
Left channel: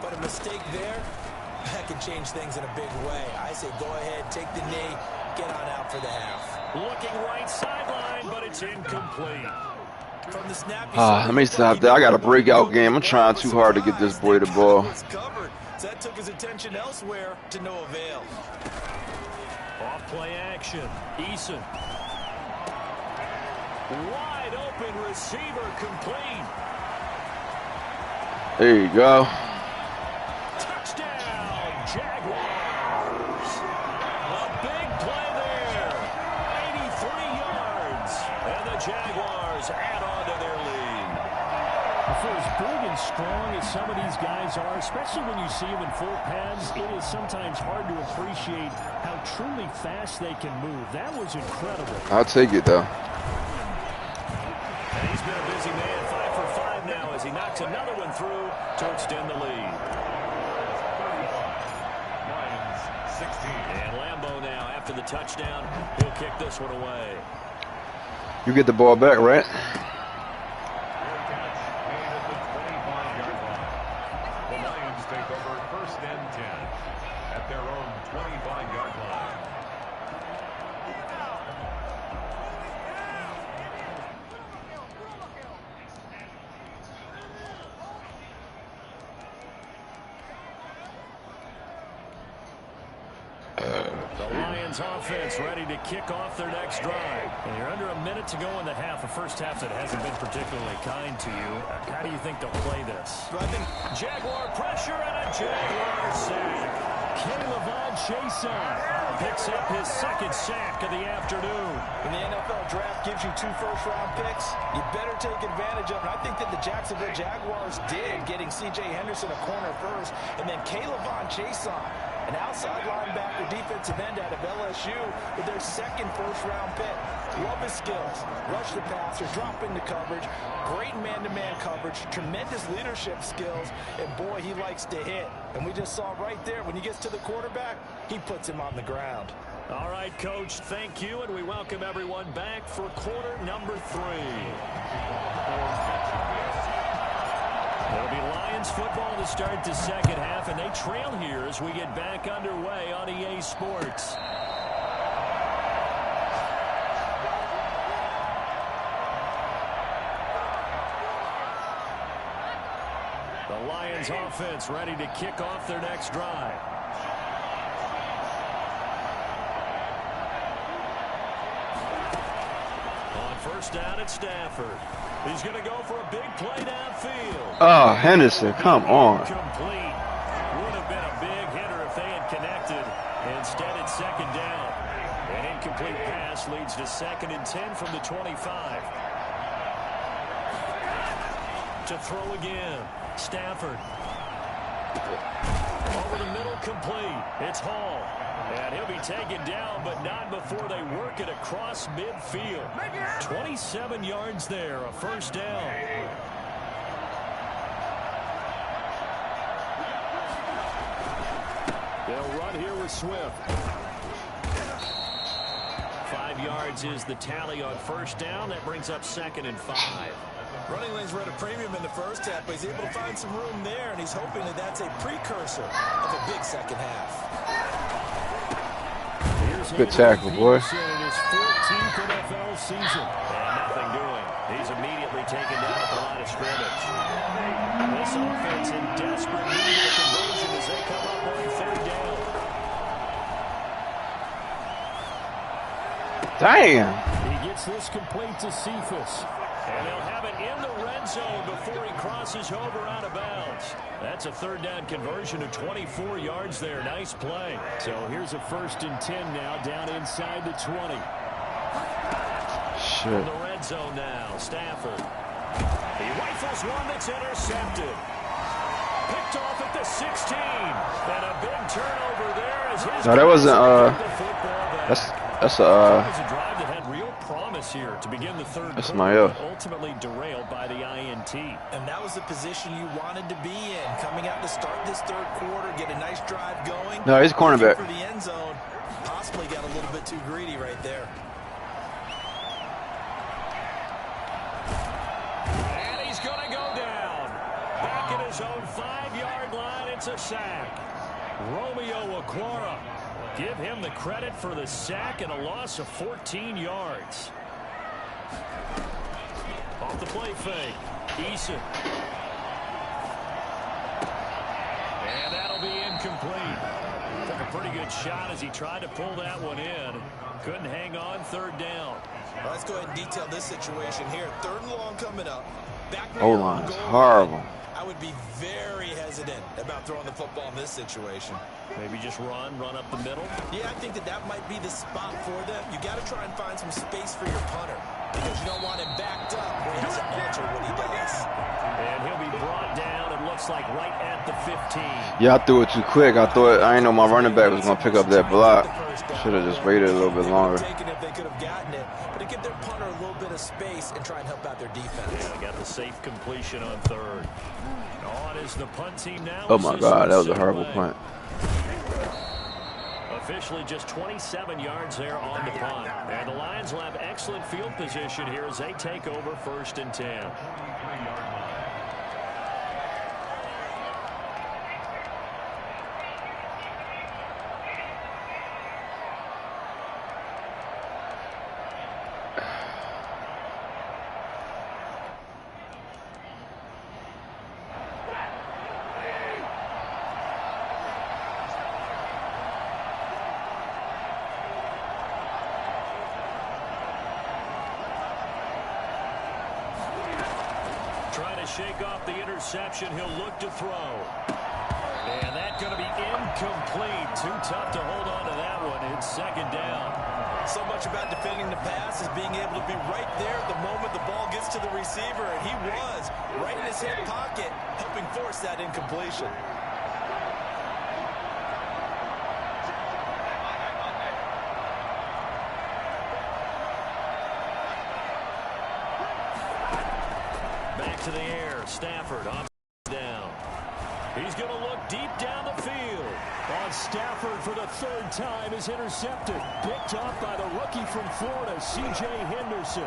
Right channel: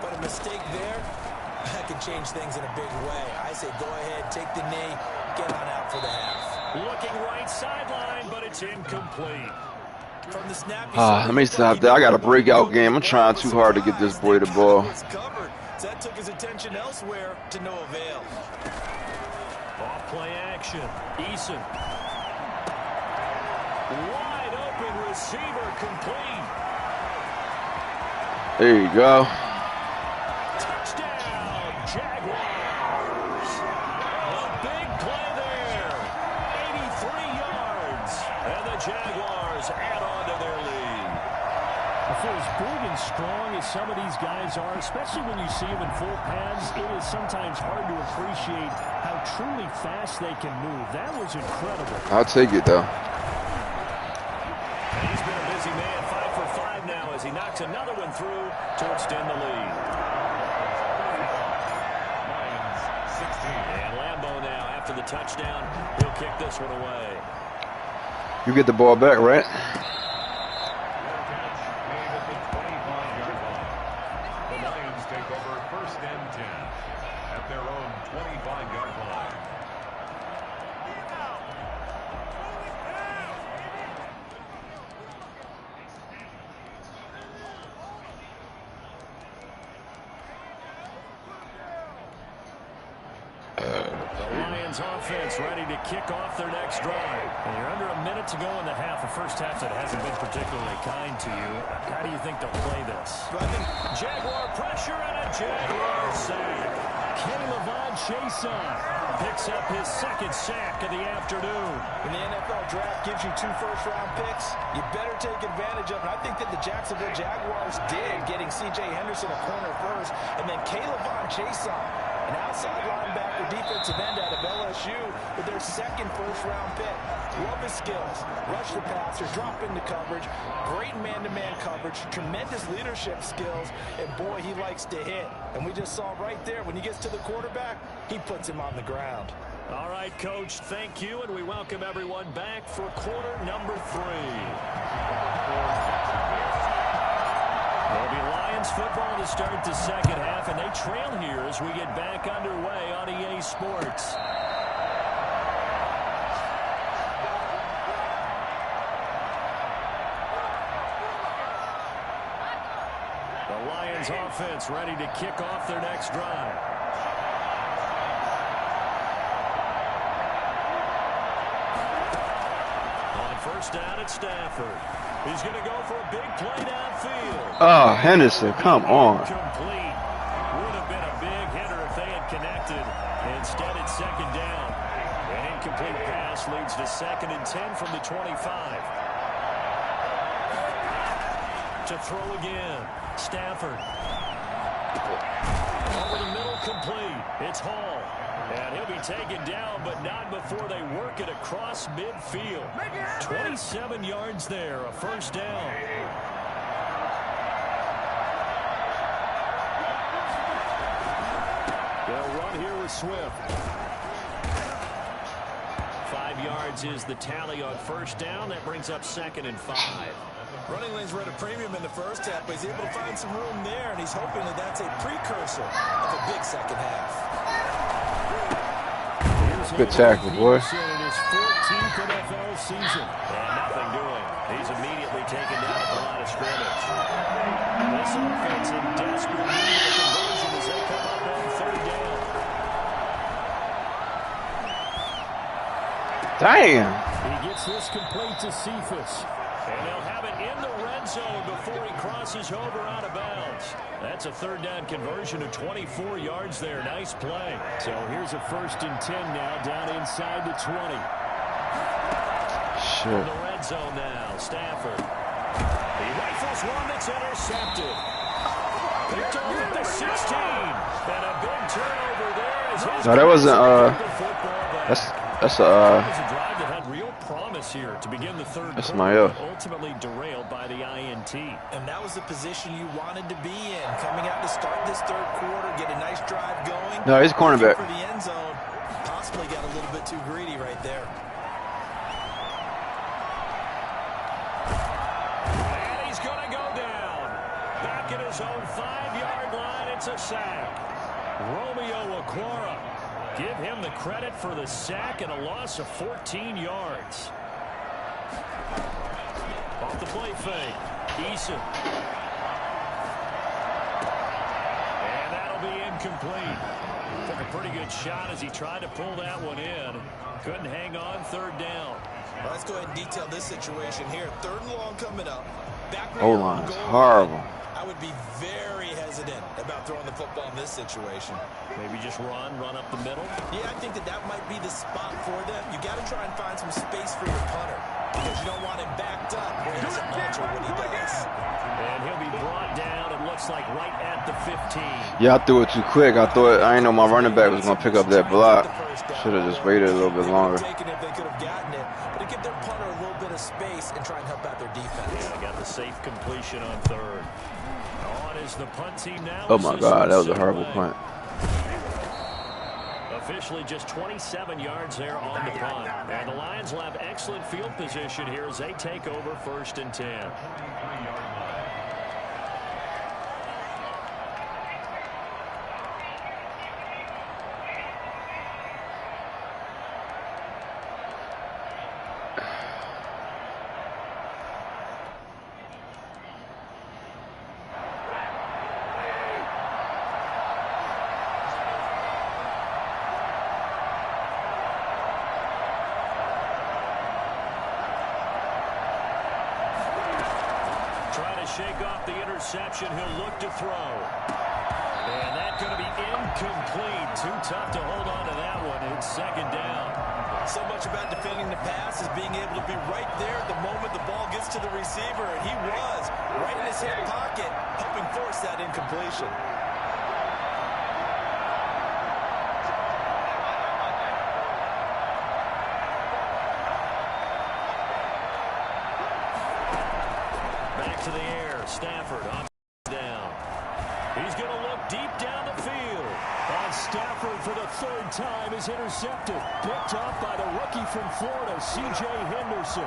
but a mistake there, that can change things in a big way. I say go ahead, take the knee, get on out for the half. Looking right sideline, but it's incomplete. From the snap, Let me stop there. I got a breakout game. I'm trying too hard to get this boy the ball. So that took his attention elsewhere to no avail. Off play action. Eason. Wide open receiver complete. There you go. Touchdown, Jaguars. A big play there. 83 yards. And the Jaguars add on to their lead. For as big and strong as some of these guys are, especially when you see them in full pads, it is sometimes hard to appreciate how truly fast they can move. That was incredible. I'll take it, though. And he's been a busy man, 5 for 5 now as he knocks another one through to extend the lead. Lions 16. And Lambeau now, after the touchdown, he'll kick this one away. You get the ball back, right? Take over first and 10 at their own 25-yard line. The Lions offense ready to kick off their next drive. And you're under a minute to go in the half. A first half that hasn't been particularly kind to you. How do you think they'll play this? I think Jaguar pressure and a Jaguar sack. Kayvon Chaisson picks up his second sack of the afternoon. When the NFL draft gives you 2 first-round picks, you better take advantage of it. I think that the Jacksonville Jaguars did, getting C.J. Henderson a corner first, and then Kayvon Chaisson, an outside linebacker defensive end out of LSU, with their second first-round pick. Love his skills. Rush the passer, drop into coverage, great man-to-man coverage, tremendous leadership skills, and boy, he likes to hit. And we just saw right there, when he gets to the quarterback, he puts him on the ground. All right, Coach, thank you, and we welcome everyone back for quarter number 3. It'll be Lions football to start the second half, and they trail here as we get back underway on EA Sports. The Lions offense ready to kick off their next drive. On first down at Stafford. He's going to go for a big play downfield. Oh, Henderson, come on. Complete. Would have been a big hitter if they had connected. Instead, it's second down. An incomplete pass leads to 2nd and 10 from the 25. To throw again. Stafford. Over the middle, complete. It's Hall. And he'll be taken down, but not before they work it across midfield. 27 yards there, a first down. They'll run here with Swift. 5 yards is the tally on first down. That brings up 2nd and 5. Running lanes were at a premium in the first half, but he's able to find some room there, and he's hoping that that's a precursor of a big second half. Good tackle, boy. In his 14th NFL season. And nothing doing. He's immediately taken down at the line of scrimmage. This offense in desperate need of a conversion as they come up on third down. Damn. He gets this complete to Cephas. And they'll have it in the red zone before he crosses over out of bounds. That's a third down conversion of 24 yards there. Nice play. So here's a 1st and 10 now down inside the 20. Shit. In the red zone now, Stafford. He rifles one that's intercepted. Picked off at the 16. And a big turnover there as his No, that wasn't, that's That was a drive that had real promise here to begin the third quarter, ultimately derailed by the INT. And that was the position you wanted to be in, coming out to start this third quarter, get a nice drive going. No, he's cornerback. For the end zone, possibly got a little bit too greedy right there. And he's going to go down. Back at his own 5-yard line, it's a sack. Romeo Okwara. Give him the credit for the sack and a loss of 14 yards. Off the play fake. Eason. And that'll be incomplete. Took a pretty good shot as he tried to pull that one in. Couldn't hang on, third down. Well, let's go ahead and detail this situation here. 3rd and long coming up. O-line is horrible. I would be very hesitant about throwing the football in this situation. Maybe just run up the middle? Yeah, I think that might be the spot for them. You got to try and find some space for your punter because you don't want him backed up where he has to alter what he does. And he'll be brought down, it looks like, right at the 15. Yeah, I threw it too quick. I didn't know my running back was going to pick up that block. Should have just waited a little bit longer. If they could have gotten it, but to give their punter a little bit of space and try and help out their defense. Yeah, got the safe completion on third. On is the punt team now. Oh my God, that was a horrible punt. Officially just 27 yards there on the punt. And the Lions will have excellent field position here as they take over 1st and 10. Shake off the interception. He'll look to throw. And that's going to be incomplete. Too tough to hold on to that one. It's second down. So much about defending the pass is being able to be right there at the moment the ball gets to the receiver. And he was right in his hip pocket, helping force that incompletion. Back to the air. Stafford on down. He's going to look deep down the field. On Stafford for the third time is intercepted. Picked up by the rookie from Florida, C.J. Henderson.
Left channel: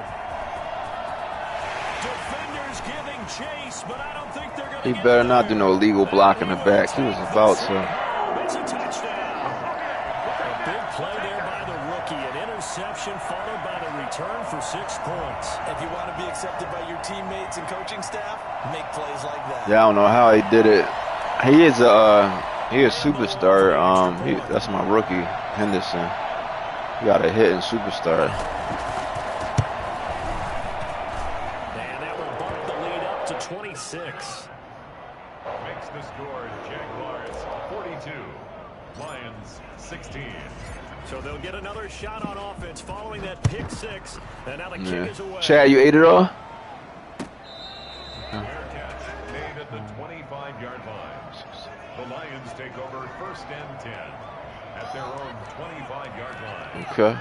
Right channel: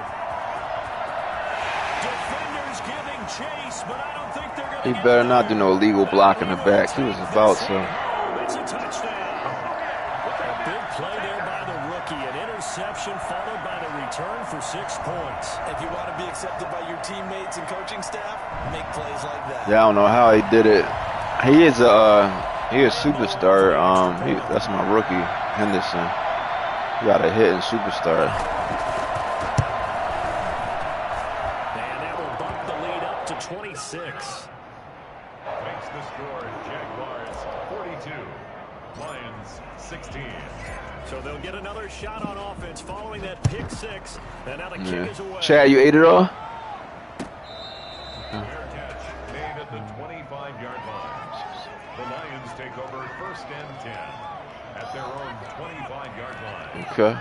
Defenders giving chase, but I don't think they're going to. He better not do no illegal block in the back. He was about to. It's a touchdown. A big play there by the rookie. An interception followed by the return for 6 points. If you want to be accepted by your teammates and coaching staff, make plays like that. Yeah, I don't know how he did it. He is a superstar. That's my rookie, Henderson. He got a hitting superstar. And that will bump the lead up to 26. Makes the score Jaguars 42, Lions 16. So they'll get another shot on offense following that pick six. And now the kick is away. Chad, you ate it all? Fair catch made at the 25-yard line. The Lions take over first and 10 at their own 25-yard line. Okay.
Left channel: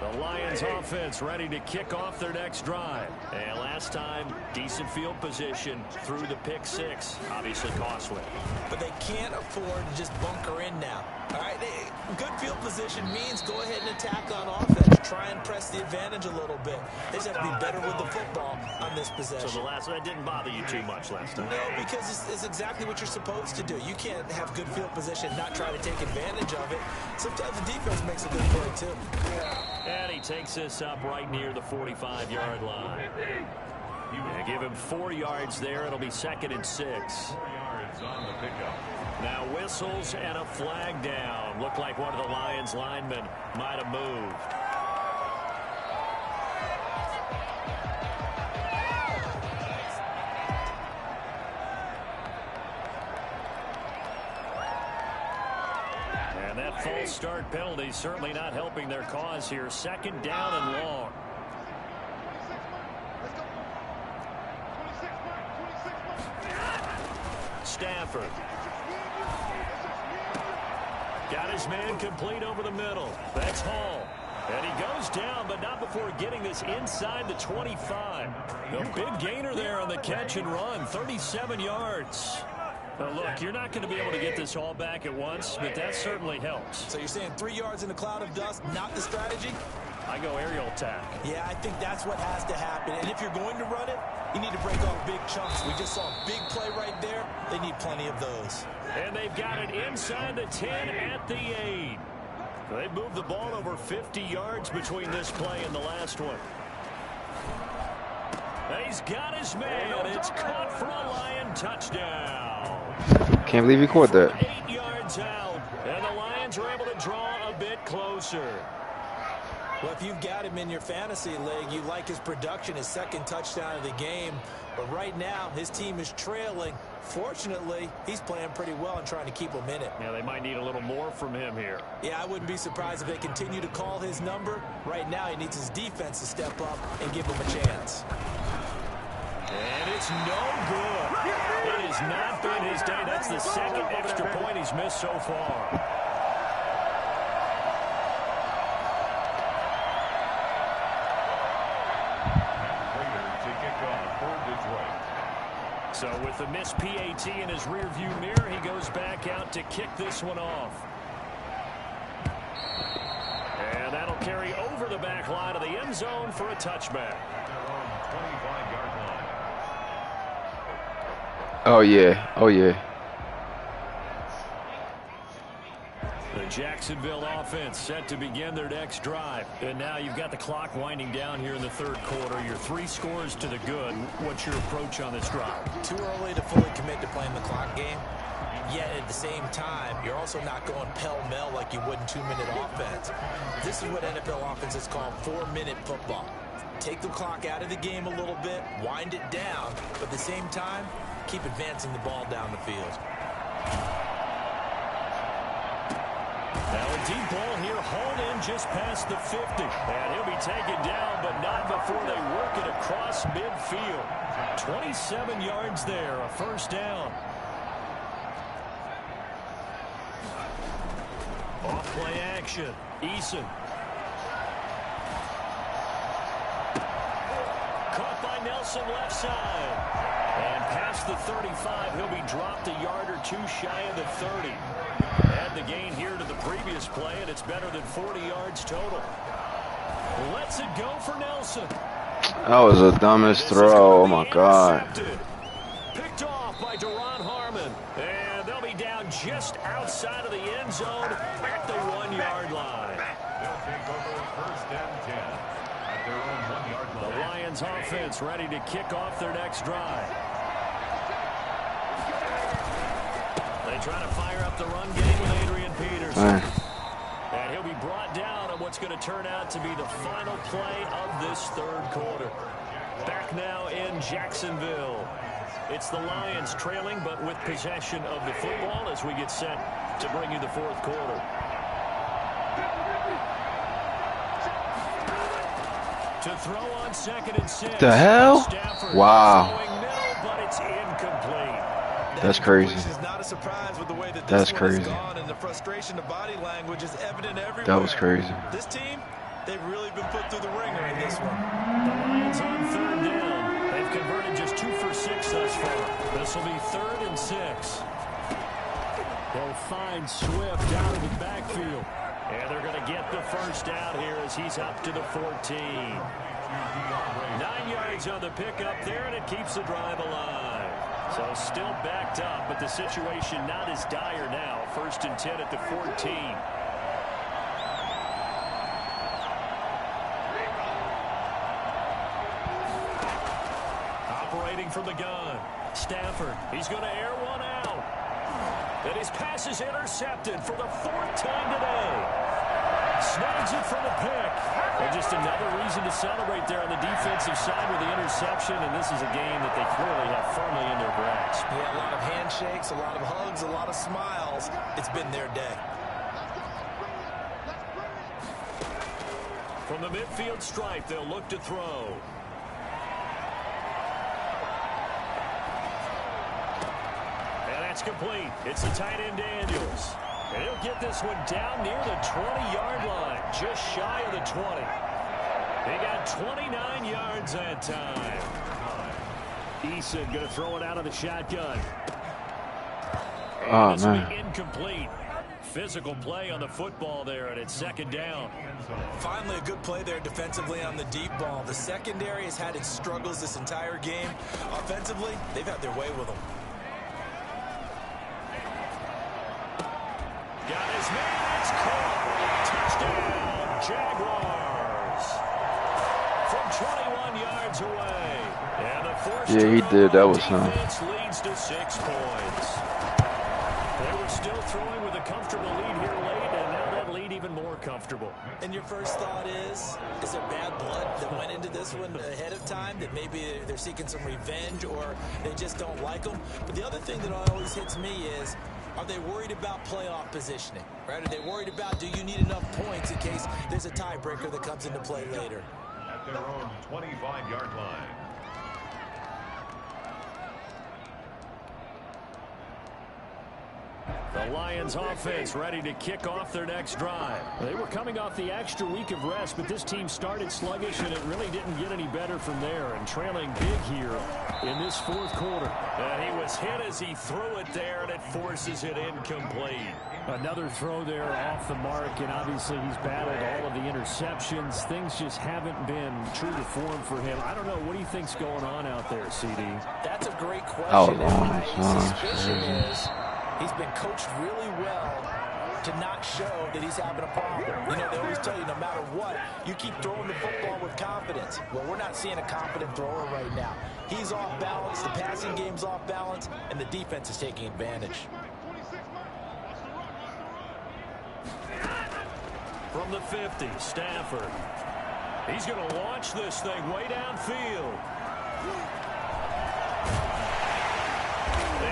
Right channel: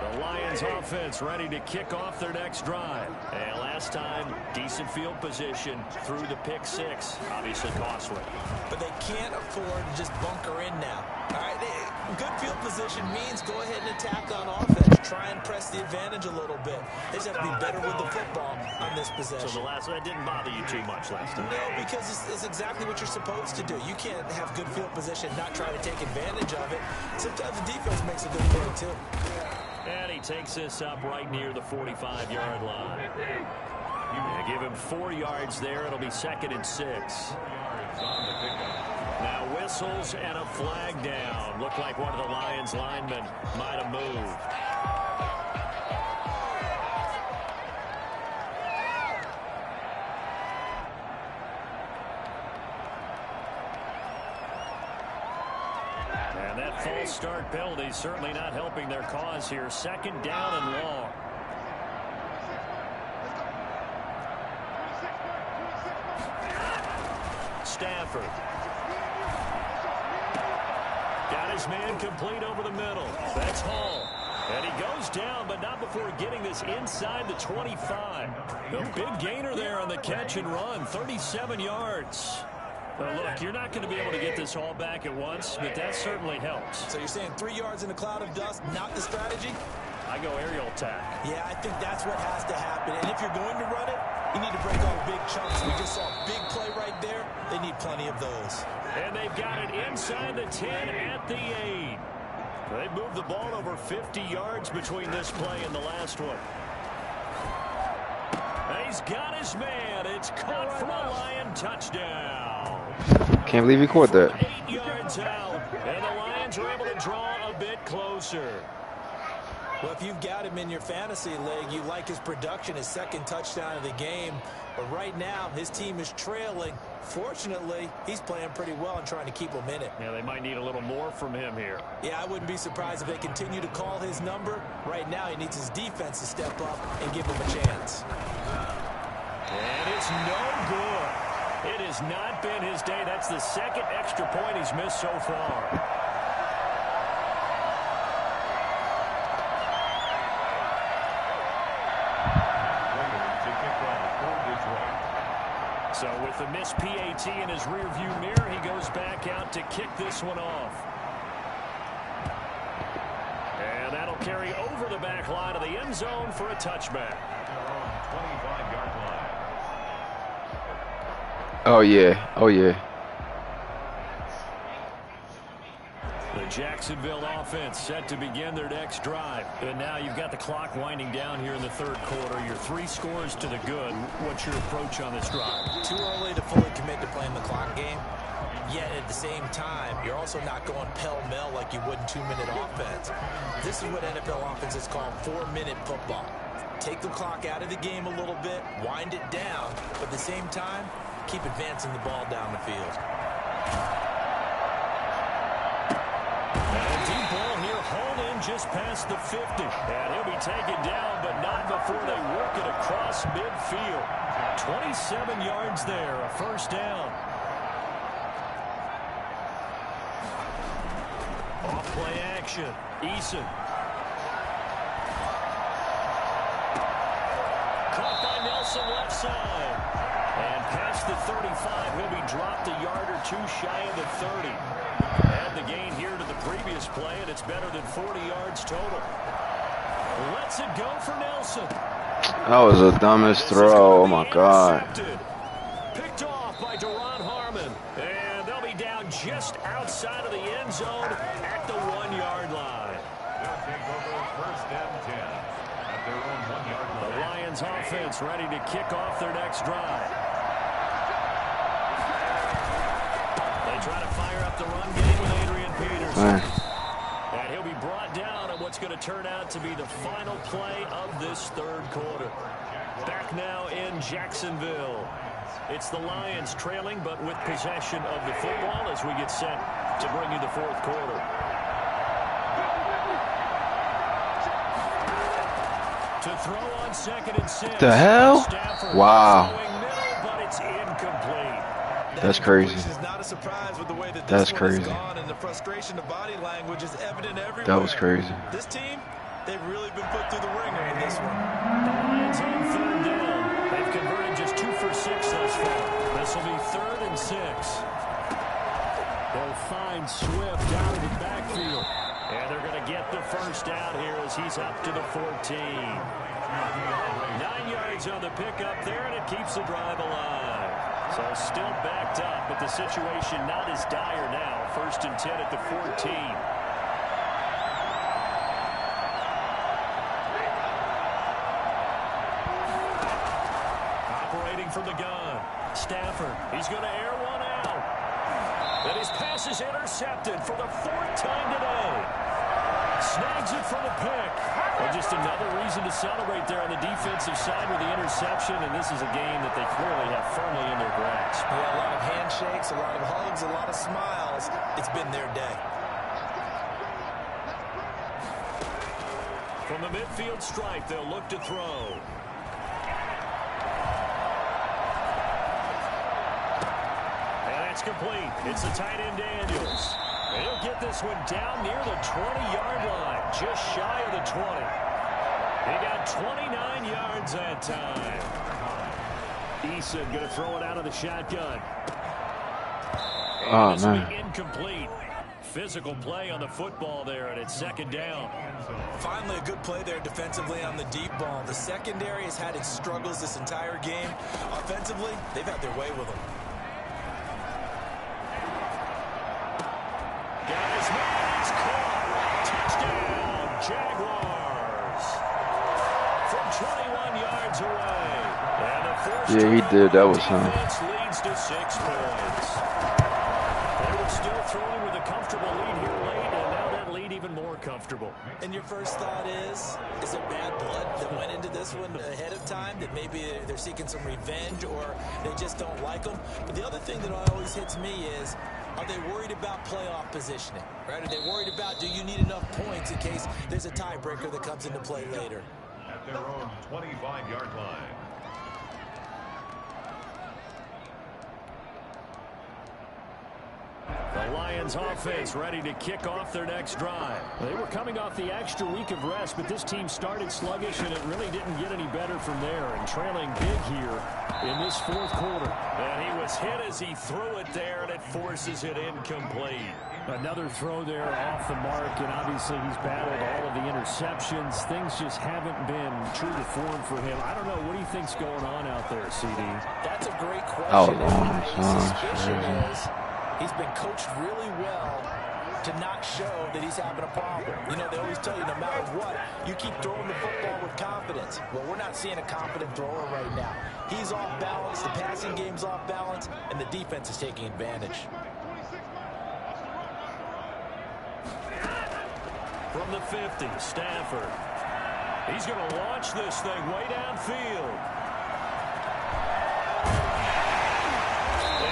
The Lions offense ready to kick off their next drive. And last time, decent field position through the pick six. Obviously costly. But they can't afford to just bunker in now. All right, good field position means go ahead and attack on offense. Try and press the advantage a little bit. They just have to be better with the football on this possession. So the last one didn't bother you too much last time? No, because it's exactly what you're supposed to do. You can't have good field position and not try to take advantage of it. Sometimes the defense makes a good play, too. And he takes this up right near the 45-yard line. Yeah, give him 4 yards there. It'll be 2nd and 6. 4 yards on the pickup. Now whistles and a flag down. Looked like one of the Lions linemen might have moved. And that false start penalty certainly not helping their cause here. 2nd down and long. Stafford. Got his man complete over the middle. That's Hall. And he goes down, but not before getting this inside the 25. A big gainer there on the catch and run. 37 yards. Well, look, you're not going to be able to get this all back at once, but that certainly helps. So you're saying 3 yards in a cloud of dust, not the strategy? I go aerial attack. Yeah, I think that's what has to happen. And if you're going to run it, you need to break off big chunks. We just saw a big play right there. They need plenty of those. And they've got it inside the 10 at the 8. They moved the ball over 50 yards between this play and the last one. He's got his man. It's caught for a Lion touchdown. Can't believe he caught that. 8 yards out. And the Lions are able to draw a bit closer. Well, if you've got him in your fantasy league, you like his production, his 2nd touchdown of the game. But right now, his team is trailing. Fortunately, he's playing pretty well and trying to keep them in it. Yeah, they might need a little more from him here. Yeah, I wouldn't be surprised if they continue to call his number. Right now, he needs his defense to step up and give him a chance. And it's no good. It has not been his day. That's the 2nd extra point he's missed so far. So with the missed PAT in his rearview mirror, he goes back out to kick this one off. And that'll carry over the back line of the end zone for a touchback. Their own 25-yard line. Oh, yeah. Oh, yeah. The Jacksonville offense set to begin their next drive. And now you've got the clock winding down here in the 3rd quarter. Your 3 scores to the good. What's your approach on this drive? Too early to fully commit to playing the clock game. Yet at the same time, you're also not going pell-mell like you would in 2-minute offense. This is what NFL offenses call 4-minute football. Take the clock out of the game a little bit, wind it down, but at the same time, keep advancing the ball down the field. Now a deep ball here, hauled in just past the 50. And he'll be taken down, but not before they work it across midfield. 27 yards there, a first down. Off play action, Eason. Caught by Nelson left side. And past the 35, he'll be dropped a yard or two shy of the 30. Add the gain here to the previous play, and it's better than 40 yards total. Lets it go for Nelson. That was the dumbest throw. Oh, my God. Picked off by Duron Harmon. And they'll be down just outside of the end zone at the 1-yard line. They'll take over first and 10 at their own 1-yard line. The Lions offense ready to kick off their next drive. They try to fire up the run game with Adrian Peterson. And he'll be brought down on what's going to turn out to be the final play of this third quarter. Back now in Jacksonville. It's the Lions trailing, but with possession of the football as we get set to bring you the fourth quarter. To throw on 2nd and 6. The hell? Stafford wow. Middle, but it's incomplete. That's crazy. That's crazy. And the frustration of body language is evident everywhere. That was crazy. This team, they've really been put through the ringer in this one. The Lions on 3rd down. They've converted just 2 for 6 thus far. This will be 3rd and 6. They'll find Swift out of the backfield. And they're going to get the first down here as he's up to the 14. 9 yards on the pickup there, and it keeps the drive alive. So still backed up, but the situation not as dire now. 1st and 10 at the 14. Operating from the gun. Stafford, he's going to air one out. And his pass is intercepted for the 4th time today. Snags it for the pick. And just another reason to celebrate there on the defensive side with the interception. And this is a game that they clearly have firmly in their grasp. Yeah, a lot of handshakes, a lot of hugs, a lot of smiles. It's been their day. From the midfield stripe, they'll look to throw. And that's complete. It's the tight end Daniels. And he'll get this one down near the 20-yard line, just shy of the 20. He got 29 yards that time. Eason going to throw it out of the shotgun. Oh, this will man. be incomplete. Physical play on the football there, and it's 2nd down. Finally, a good play there defensively on the deep ball. The secondary has had its struggles this entire game. Offensively, they've had their way with them. Got his man, it's caught. Touchdown, Jaguars. From 21 yards away. And a forced Yeah, he did. That was him. defense leads to 6 points. They were still throwing with a comfortable lead here late, and now that lead even more comfortable. And your first thought is there bad blood that went into this one ahead of time, that maybe they're seeking some revenge or they just don't like them? But the other thing that always hits me is, are they worried about playoff positioning? Right? Are they worried about, do you need enough points in case there's a tiebreaker that comes into play later? At their own 25-yard line. The Lions offense ready to kick off their next drive. They were coming off the extra week of rest, but this team started sluggish, and it really didn't get any better from there. And trailing big here in this 4th quarter. And he was hit as he threw it there, and it forces it incomplete. Another throw there off the mark, and obviously he's battled all of the interceptions. Things just haven't been true to form for him. I don't know. What do you think's going on out there, CD? That's a great question. long. My suspicion is he's been coached really well to not show that he's having a problem. You know, they always tell you no matter what, you keep throwing the football with confidence. Well, we're not seeing a confident thrower right now. He's off balance, the passing game's off balance, and the defense is taking advantage. From the 50, Stafford. He's going to launch this thing way downfield.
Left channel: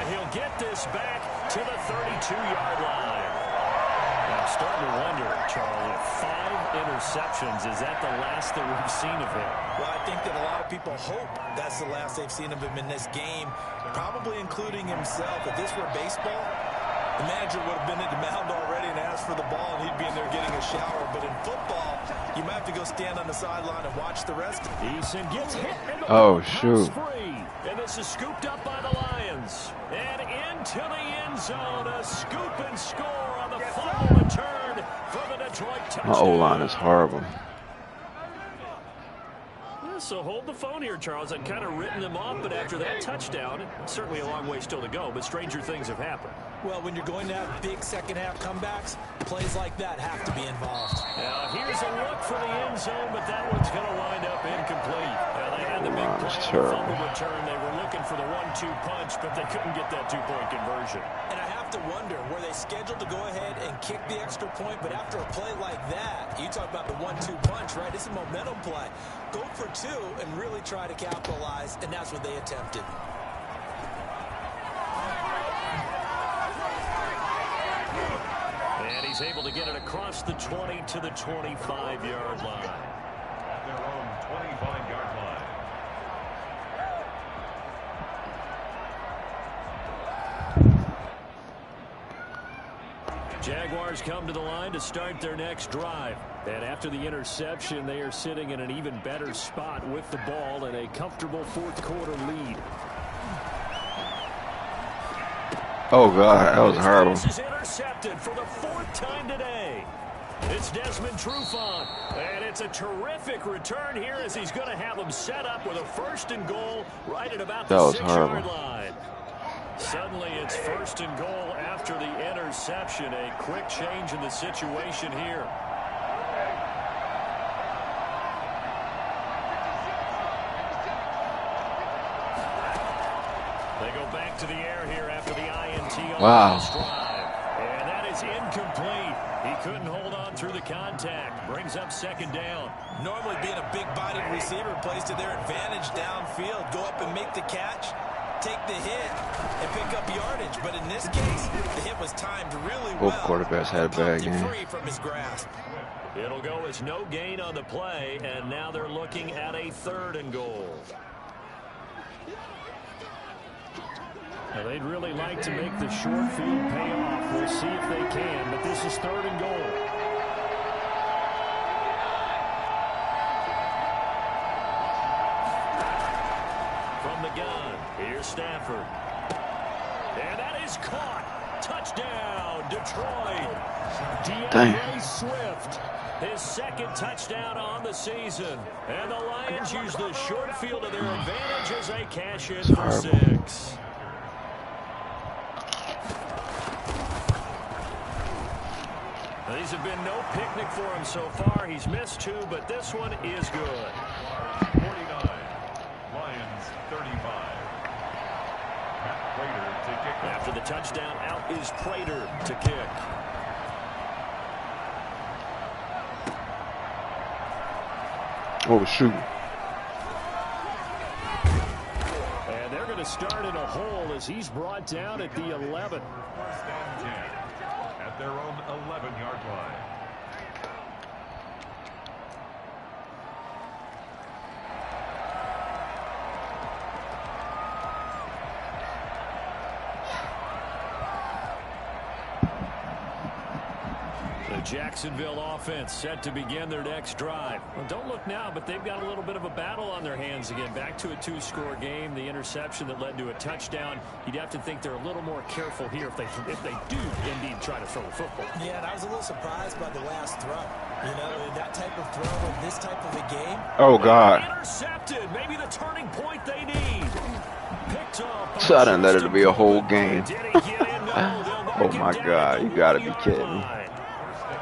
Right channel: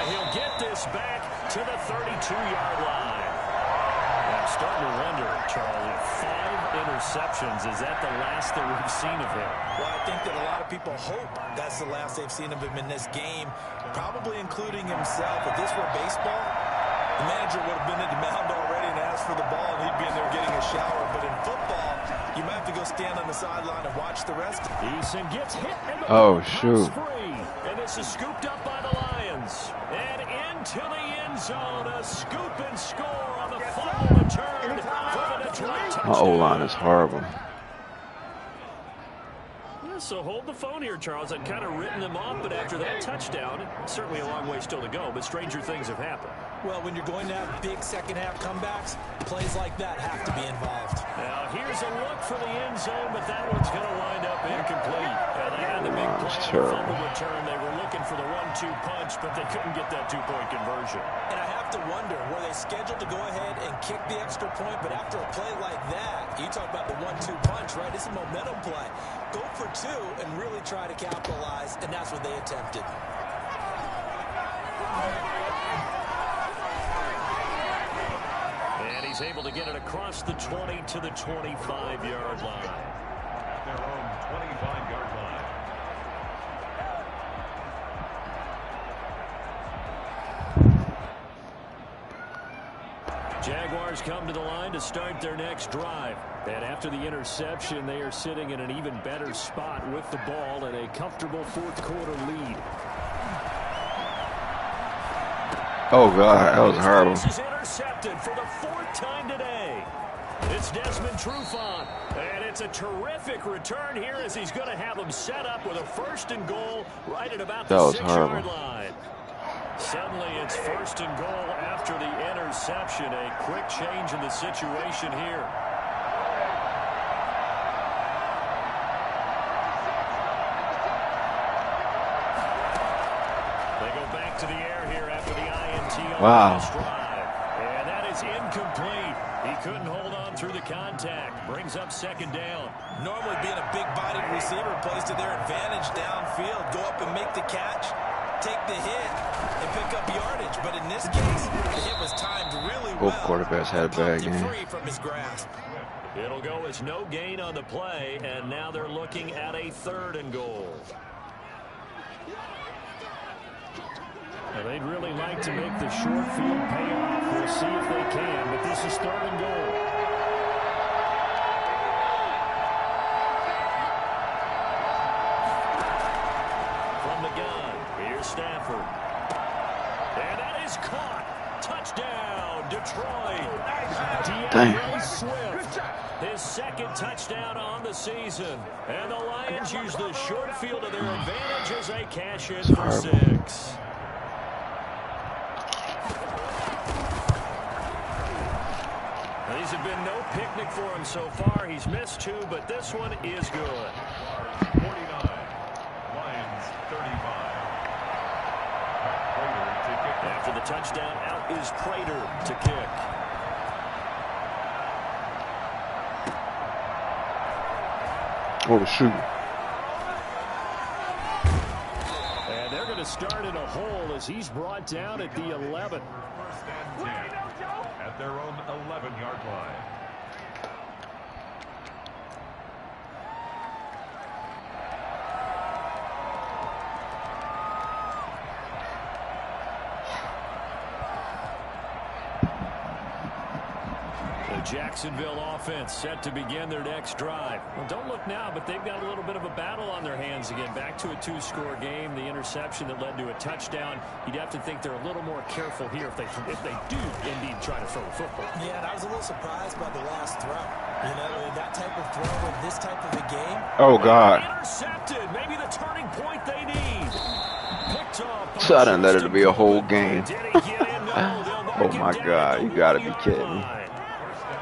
And he'll get this back to the 32-yard line. I'm starting to wonder, Charlie, 5 interceptions, is that the last that we've seen of him? Well, I think that a lot of people hope that's the last they've seen of him in this game, probably including himself. If this were baseball, the manager would have been at the mound already and asked for the ball, and he'd be in there getting a shower. But in football, you might have to go stand on the sideline and watch the rest. Eason gets hit. And shoot. Free. And this is scooped up by the Lions. And into the end zone, a scoop and score on the fumble return for the Detroit touchdown. My O-line is horrible. So hold the phone here, Charles. I'd kind of written them off, but after that touchdown, certainly a long way still to go, but stranger things have happened. Well, when you're going to have big second-half comebacks, plays like that have to be involved. Now, here's a look for the end zone, but that one's going to wind up incomplete. Now, they had the big play on the fumble return. They were looking for the 1-2 punch, but they couldn't get that two-point conversion. And I have to wonder, were they scheduled to go ahead and kick the extra point? But after a play like that, you talk about the 1-2 punch, right? It's a momentum play. Go for 2 and really try to capitalize, and that's what they attempted. And he's able to get it across the 20 to the 25-yard line. At their own 25-yard line. Jaguars come to the line to start their next drive. And after the interception, they are sitting in an even better spot with the ball and a comfortable fourth-quarter lead. Oh, God, that was horrible. This is intercepted for the 4th time today. It's Desmond Trufant, and it's a terrific return here as he's going to have him set up with a 1st and goal right at about the 6-yard line. Suddenly it's 1st and goal after the interception. A quick change in the situation here. They go back to the air here after the INT on this drive. And that is incomplete. He couldn't hold on through the contact. Brings up 2nd down. Normally being a big-bodied receiver plays to their advantage downfield. Go up and make the catch, take the hit, and pick up yardage. But in this case, the hit was timed really well. Both quarterbacks had a bad game. Free from his grasp. It'll go as no gain on the play, and now they're looking at a 3rd and goal. Now they'd really like to make the short field pay off. We'll see if they can, but this is 3rd and goal. From the gun, here's Stafford. And that is caught. Touchdown, Detroit. DeAndre Swift, his 2nd touchdown on the season. And the Lions use the short field to their advantage as they cash in for 6. Now, these have been no picnic for him so far. He's missed 2, but this one is good. 49, Lions 35. Matt Prater to kick. After the touchdown, out is Prater to kick. Oh, shoot. And they're going to start in a hole as he's brought down at the 11. 1st and 10 at their own 11-yard line. Jacksonville offense set to begin their next drive. Well, don't look now, but they've got a little bit of a battle on their hands again. Back to a 2-score game. The interception that led to a touchdown. You'd have to think they're a little more careful here if they do indeed try to throw the football. Yeah, and I was a little surprised by the last throw. You know, that type of throw in this type of a game. Oh, God. Intercepted. Maybe the turning point they need. Picked off. So I didn't let it be a whole game. Oh, my God. You got to be kidding me.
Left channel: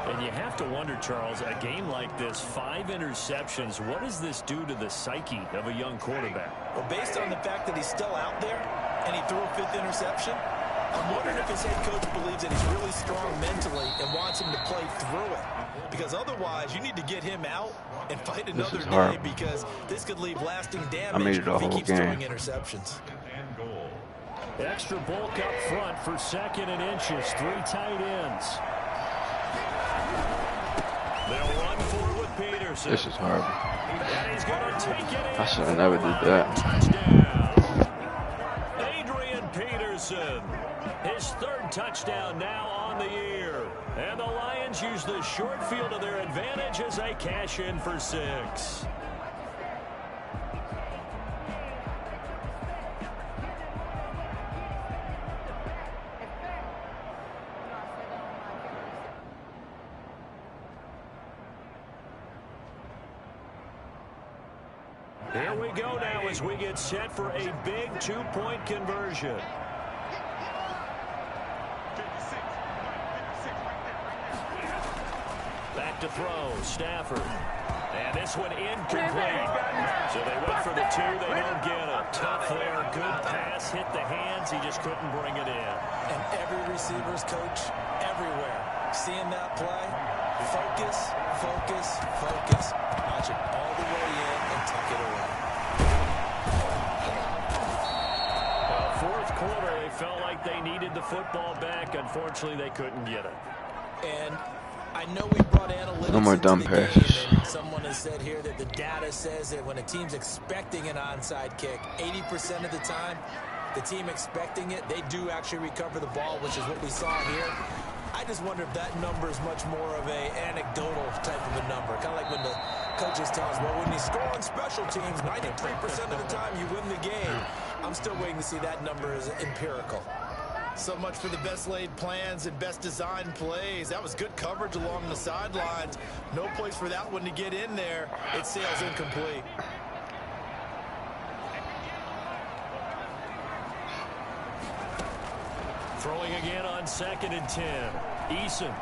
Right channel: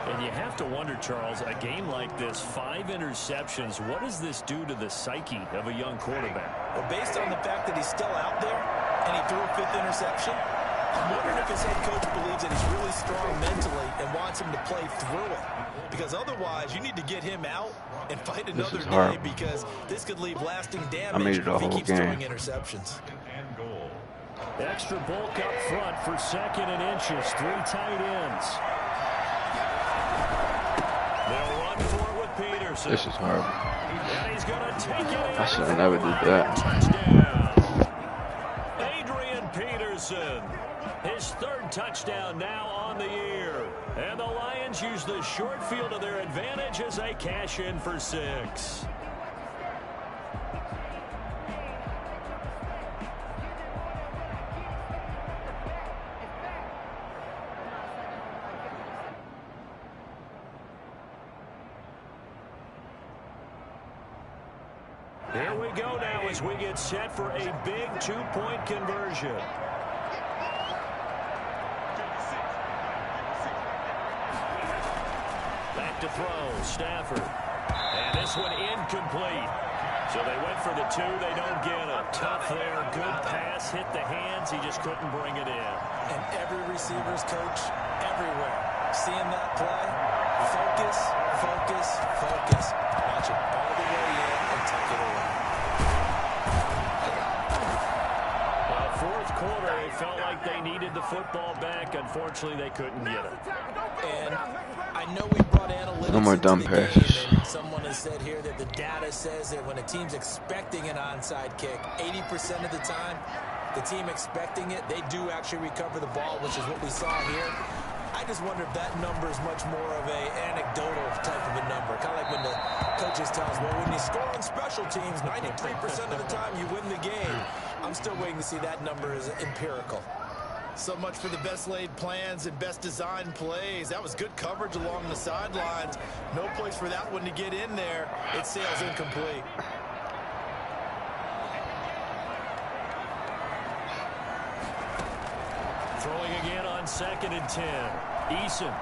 And you have to wonder, Charles, a game like this, 5 interceptions, what does this do to the psyche of a young quarterback? Well, based on the fact that he's still out there and he threw a 5th interception, I'm wondering if his head coach believes that he's really strong mentally and wants him to play through it. Because otherwise, you need to get him out and fight another day because this could leave lasting damage if he keeps throwing interceptions. And goal. Extra bulk up front for 2nd and inches. 3 tight ends. They'll run for it with Peterson. This is horrible. And he's going to take it in. I should have never did that. Touchdown. Adrian Peterson. His 3rd touchdown now on the year. And the Lions use the short field to their advantage as they cash in for 6. Here we go now as we get set for a big 2-point conversion. Back to throw, Stafford. And this one incomplete. So they went for the 2, they don't get it. Tough there, good pass, hit the hands, he just couldn't bring it in. And every receiver's coach everywhere. Seeing that play, focus, focus, focus. Watch it all the way in and tuck it away. Well, 4th quarter, they felt like they needed the football back. Unfortunately, they couldn't get it. And I know we brought analytics No more into dumb the passes. game, and someone has said here that the data says that when a team's expecting an onside kick, 80% of the time, the team expecting it, they do actually recover the ball, which is what we saw here. I just wonder if that number is much more of a anecdotal type of a number. Kind of like when the coaches tell us, well, when you score on special teams, 93% of the time you win the game. I'm still waiting to see that number as empirical. So much for the best laid plans and best designed plays. That was good coverage along the sidelines. No place for that one to get in there. It sails incomplete. Throwing again on 2nd and 10. Eason.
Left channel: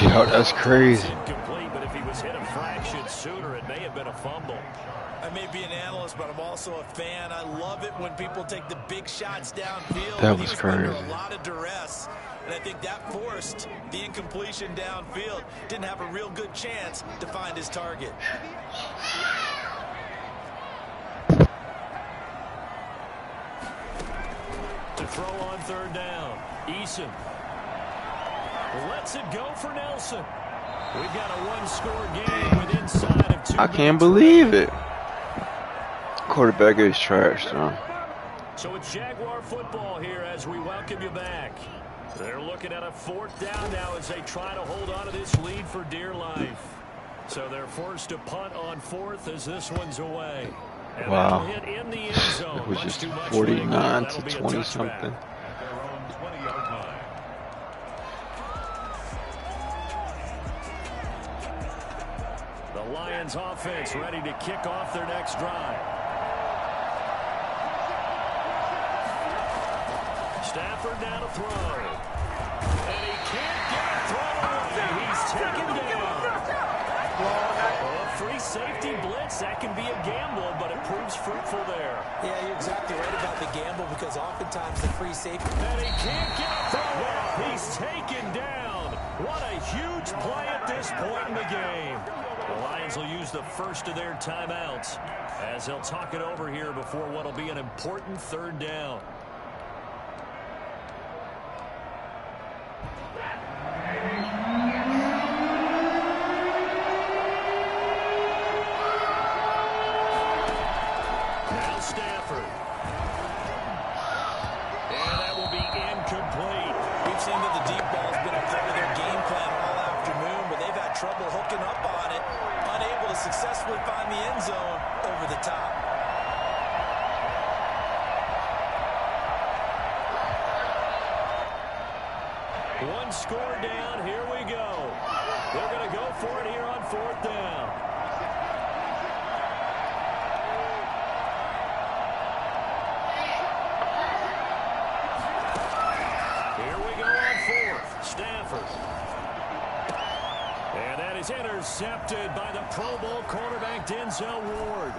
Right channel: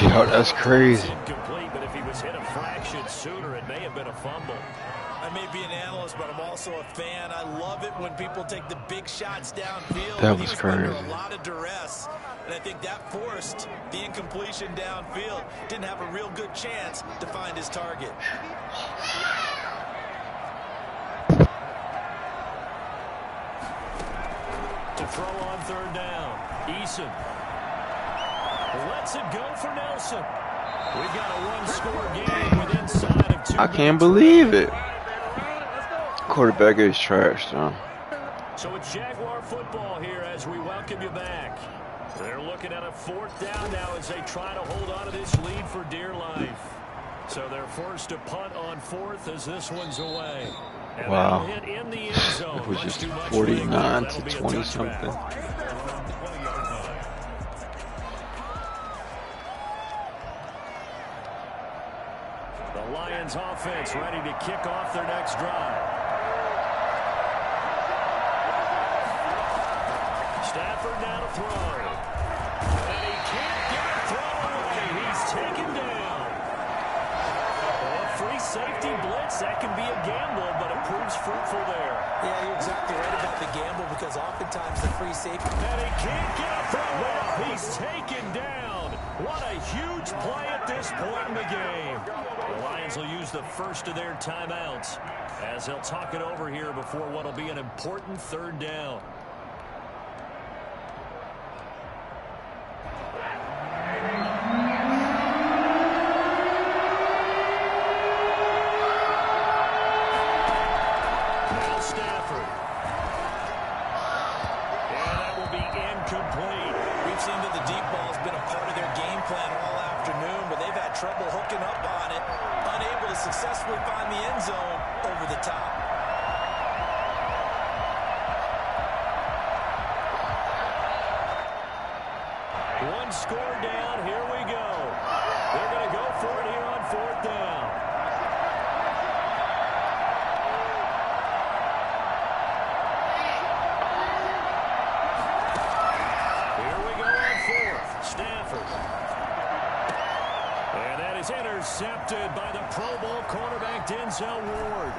Yo, that's crazy. Incomplete, but if he was hit a fraction sooner, it may have been a fumble. I may be an analyst, but I'm also a fan. I love it when people take the big shots downfield. That He was under crazy. a lot of duress, and I think that forced the incompletion downfield. Didn't have a real good chance to find his target. To throw on 3rd down. Eason. Lets it go for Nelson. We've got a 1-score game with inside of 2 I can't minutes. believe it. Quarterback is trash, though. So it's Jaguar football here as we welcome you back. They're looking at a 4th down now as they try to hold on to this lead for dear life. So they're forced to punt on 4th as this one's away. And Wow. that'll hit in the end zone. It was Much just too much 49 leg. to That'll be a 20 touchback. something. At their own 20-yard line. The Lions offense ready to kick off their next drive. Stafford now to throw. And he can't get a throw away. He's taken down. Well, a free safety blitz, that can be a gamble, but it proves fruitful there. Yeah, you're exactly right about the gamble because oftentimes the free safety. And he can't get a throw off. He's taken down. What a huge play at this point in the game. The Lions will use the first of their timeouts as they'll talk it over here before what will be an important 3rd down. Now Stafford. And that will be incomplete. We've seen that the deep ball's been a part of their game plan all afternoon, but they've had trouble hooking up on it, unable to successfully find the end zone over the top. One score down. Here we go. They're going to go for it here on 4th down. Here we go on 4th. Stafford. And that is intercepted by the Pro Bowl cornerback Denzel Ward.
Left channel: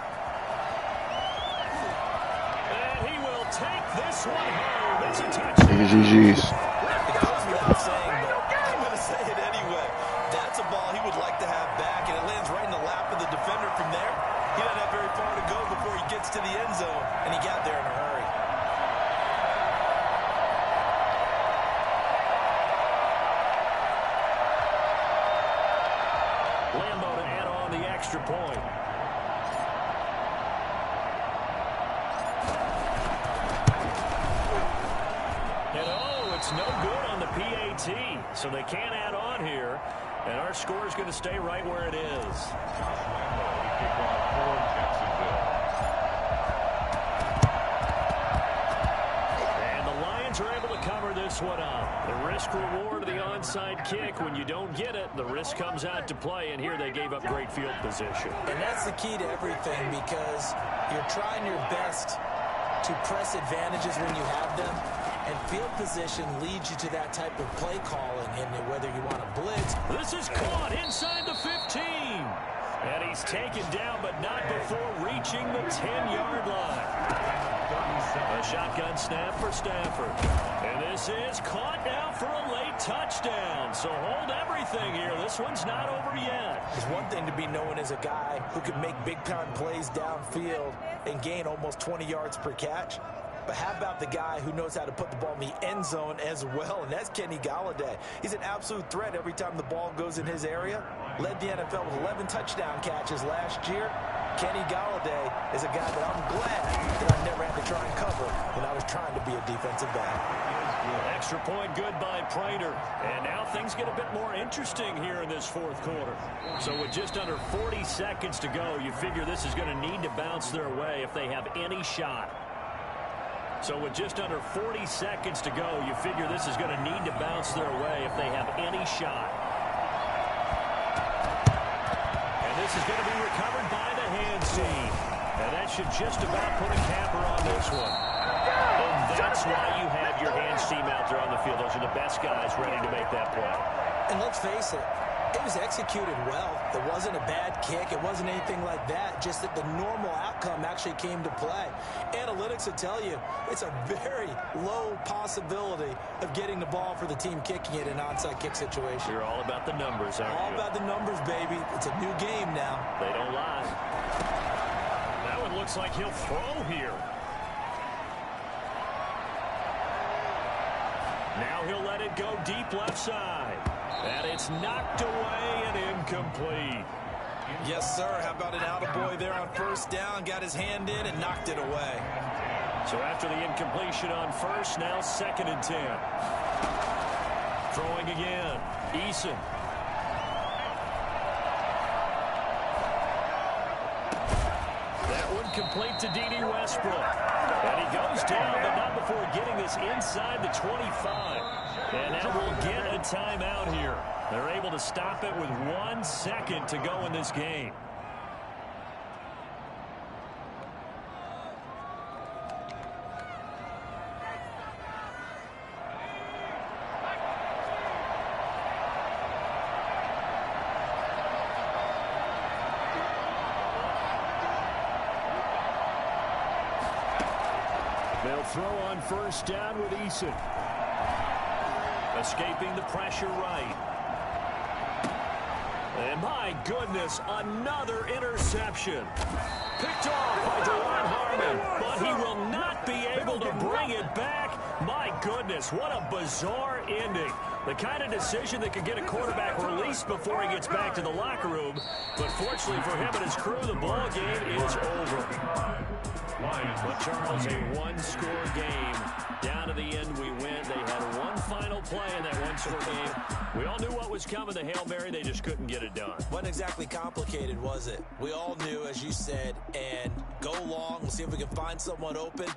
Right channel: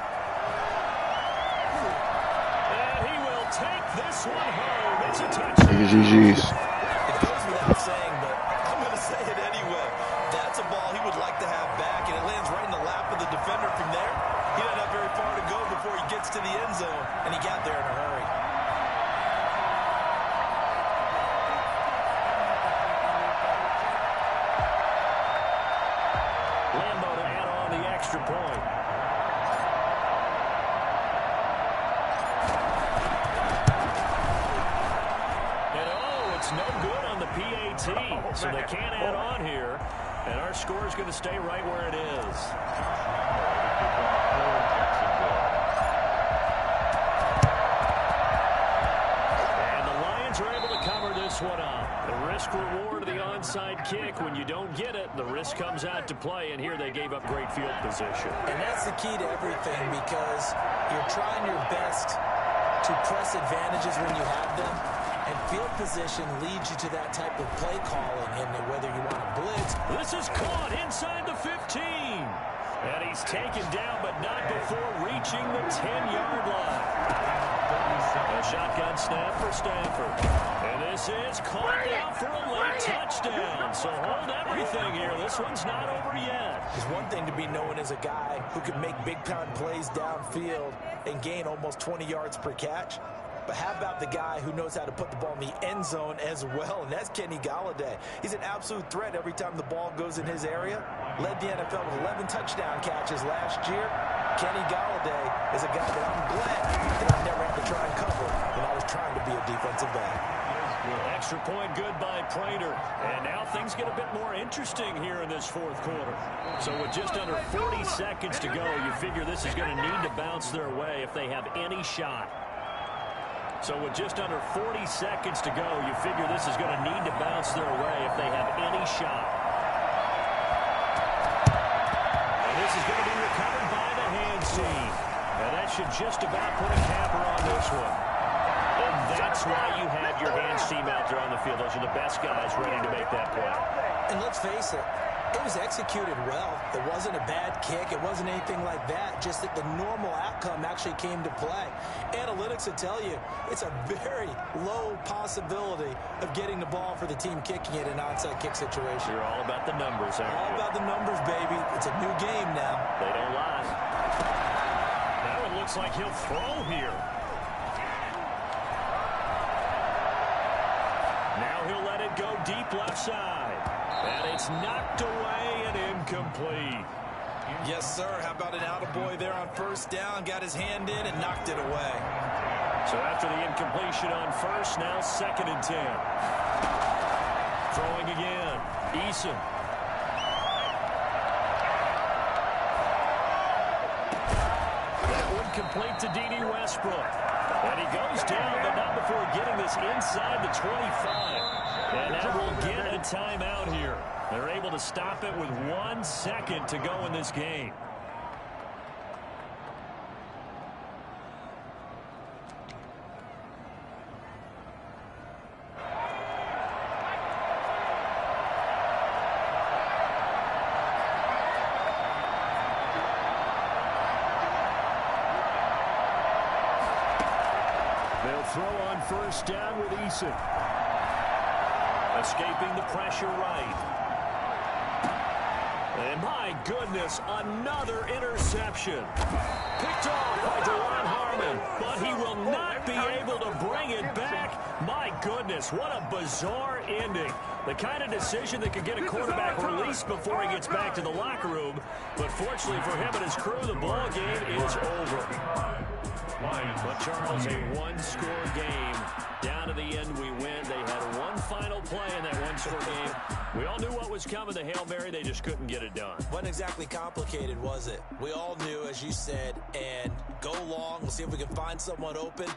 And he will take this one home. It's a touchdown. GG's. It goes without saying, but I'm going to say it anyway. That's a ball he would like to have back, and it lands right in the lap of the defender from there. He doesn't have very far to go before he gets to the end zone, and he got there in a hurry. Lambo to add on the extra point. And oh, it's no good on the PAT, so they can't add on here. And our score is going to stay right where it is. Josh Lambo to kick off for Jacksonville. And the Lions are able to cover this one up. The risk reward of the onside kick. When you don't get it, the risk comes out to play, and here they gave up great field position. And that's the key to everything, because you're trying your best to press advantages when you have them. And field position leads you to that type of play calling, and whether you want to blitz. This is caught inside the 15. And he's taken down, but not before reaching the 10-yard line. A shotgun snap for Stafford. And this is caught now for a late touchdown. So hold everything here. This one's not over yet. It's one thing to be known as a guy who can make big-time plays downfield and gain almost 20 yards per catch. But how about the guy who knows how to put the ball in the end zone as well, and that's Kenny Golladay. He's an absolute threat every time the ball goes in his area. Led the NFL with 11 touchdown catches last year. Kenny Golladay is a guy that I'm glad that I never had to try and cover when I was trying to be a defensive back. Extra point good by Prater. And now things get a bit more interesting here in this fourth quarter. So with just under 40 seconds to go, you figure this is going to need to bounce their way if they have any shot. So with just under 40 seconds to go, you figure this is going to need to bounce their way if they have any shot. And this is going to be recovered by the hands team. And that should just about put a capper on this one. And that's why you have your hands team out there on the field. Those are the best guys ready to make that play. And let's face it, it was executed well. It wasn't a bad kick. It wasn't anything like that. Just that the normal outcome actually came to play. Analytics will tell you it's a very low possibility of getting the ball for the team kicking it in an onside kick situation. You're all about the numbers, aren't you? All about the numbers, baby. It's a new game now. They don't lie. Now it looks like he'll throw here. Now he'll let it go deep left side. And it's knocked away and incomplete. Yes, sir. How about an attaboy there on first down? Got his hand in and knocked it away. So after the incompletion on first, now 2nd and 10. Throwing again. Eason. That one complete to D.D. Westbrook. And he goes down, but not before getting this inside the 25. And now we'll get a timeout here. They're able to stop it with 1 second to go in this game. They'll throw on first down with Eason. Escaping the pressure right. And my goodness, another interception. Picked off by DeJuan Harmon, but he will not be able to bring it back. My goodness, what a bizarre ending. The kind of decision that could get a quarterback released before he gets back to the locker room. But fortunately for him and his crew, the ball game is over. But Charles, a one-score game. Down to the end we went. They had one final play in that one-score game. We all knew what was coming, the Hail Mary. They just couldn't get it done. Wasn't exactly complicated, was it? We all knew, as you said, and go long. We'll see if we can find someone open.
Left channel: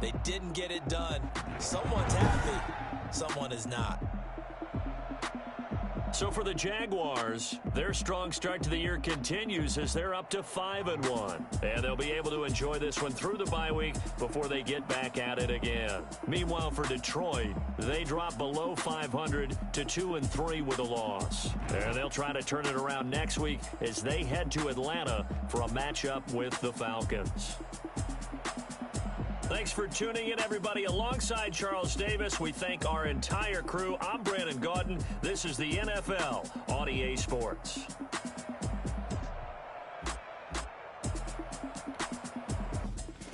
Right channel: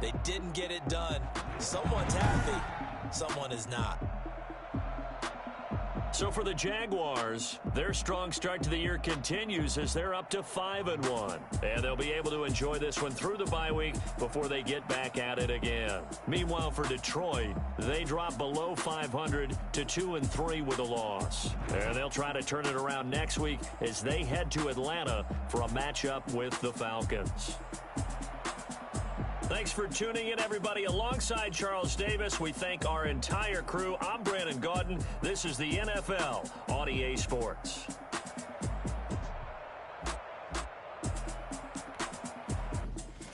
They didn't get it done. Someone's happy. Someone is not. So for the Jaguars, their strong start to the year continues as they're up to 5-1. And they'll be able to enjoy this one through the bye week before they get back at it again. Meanwhile, for Detroit, they drop below 500 to 2-3 with a loss. And they'll try to turn it around next week as they head to Atlanta for a matchup with the Falcons. Thanks for tuning in, everybody. Alongside Charles Davis, we thank our entire crew. I'm Brandon Gaudin. This is the NFL on EA Sports.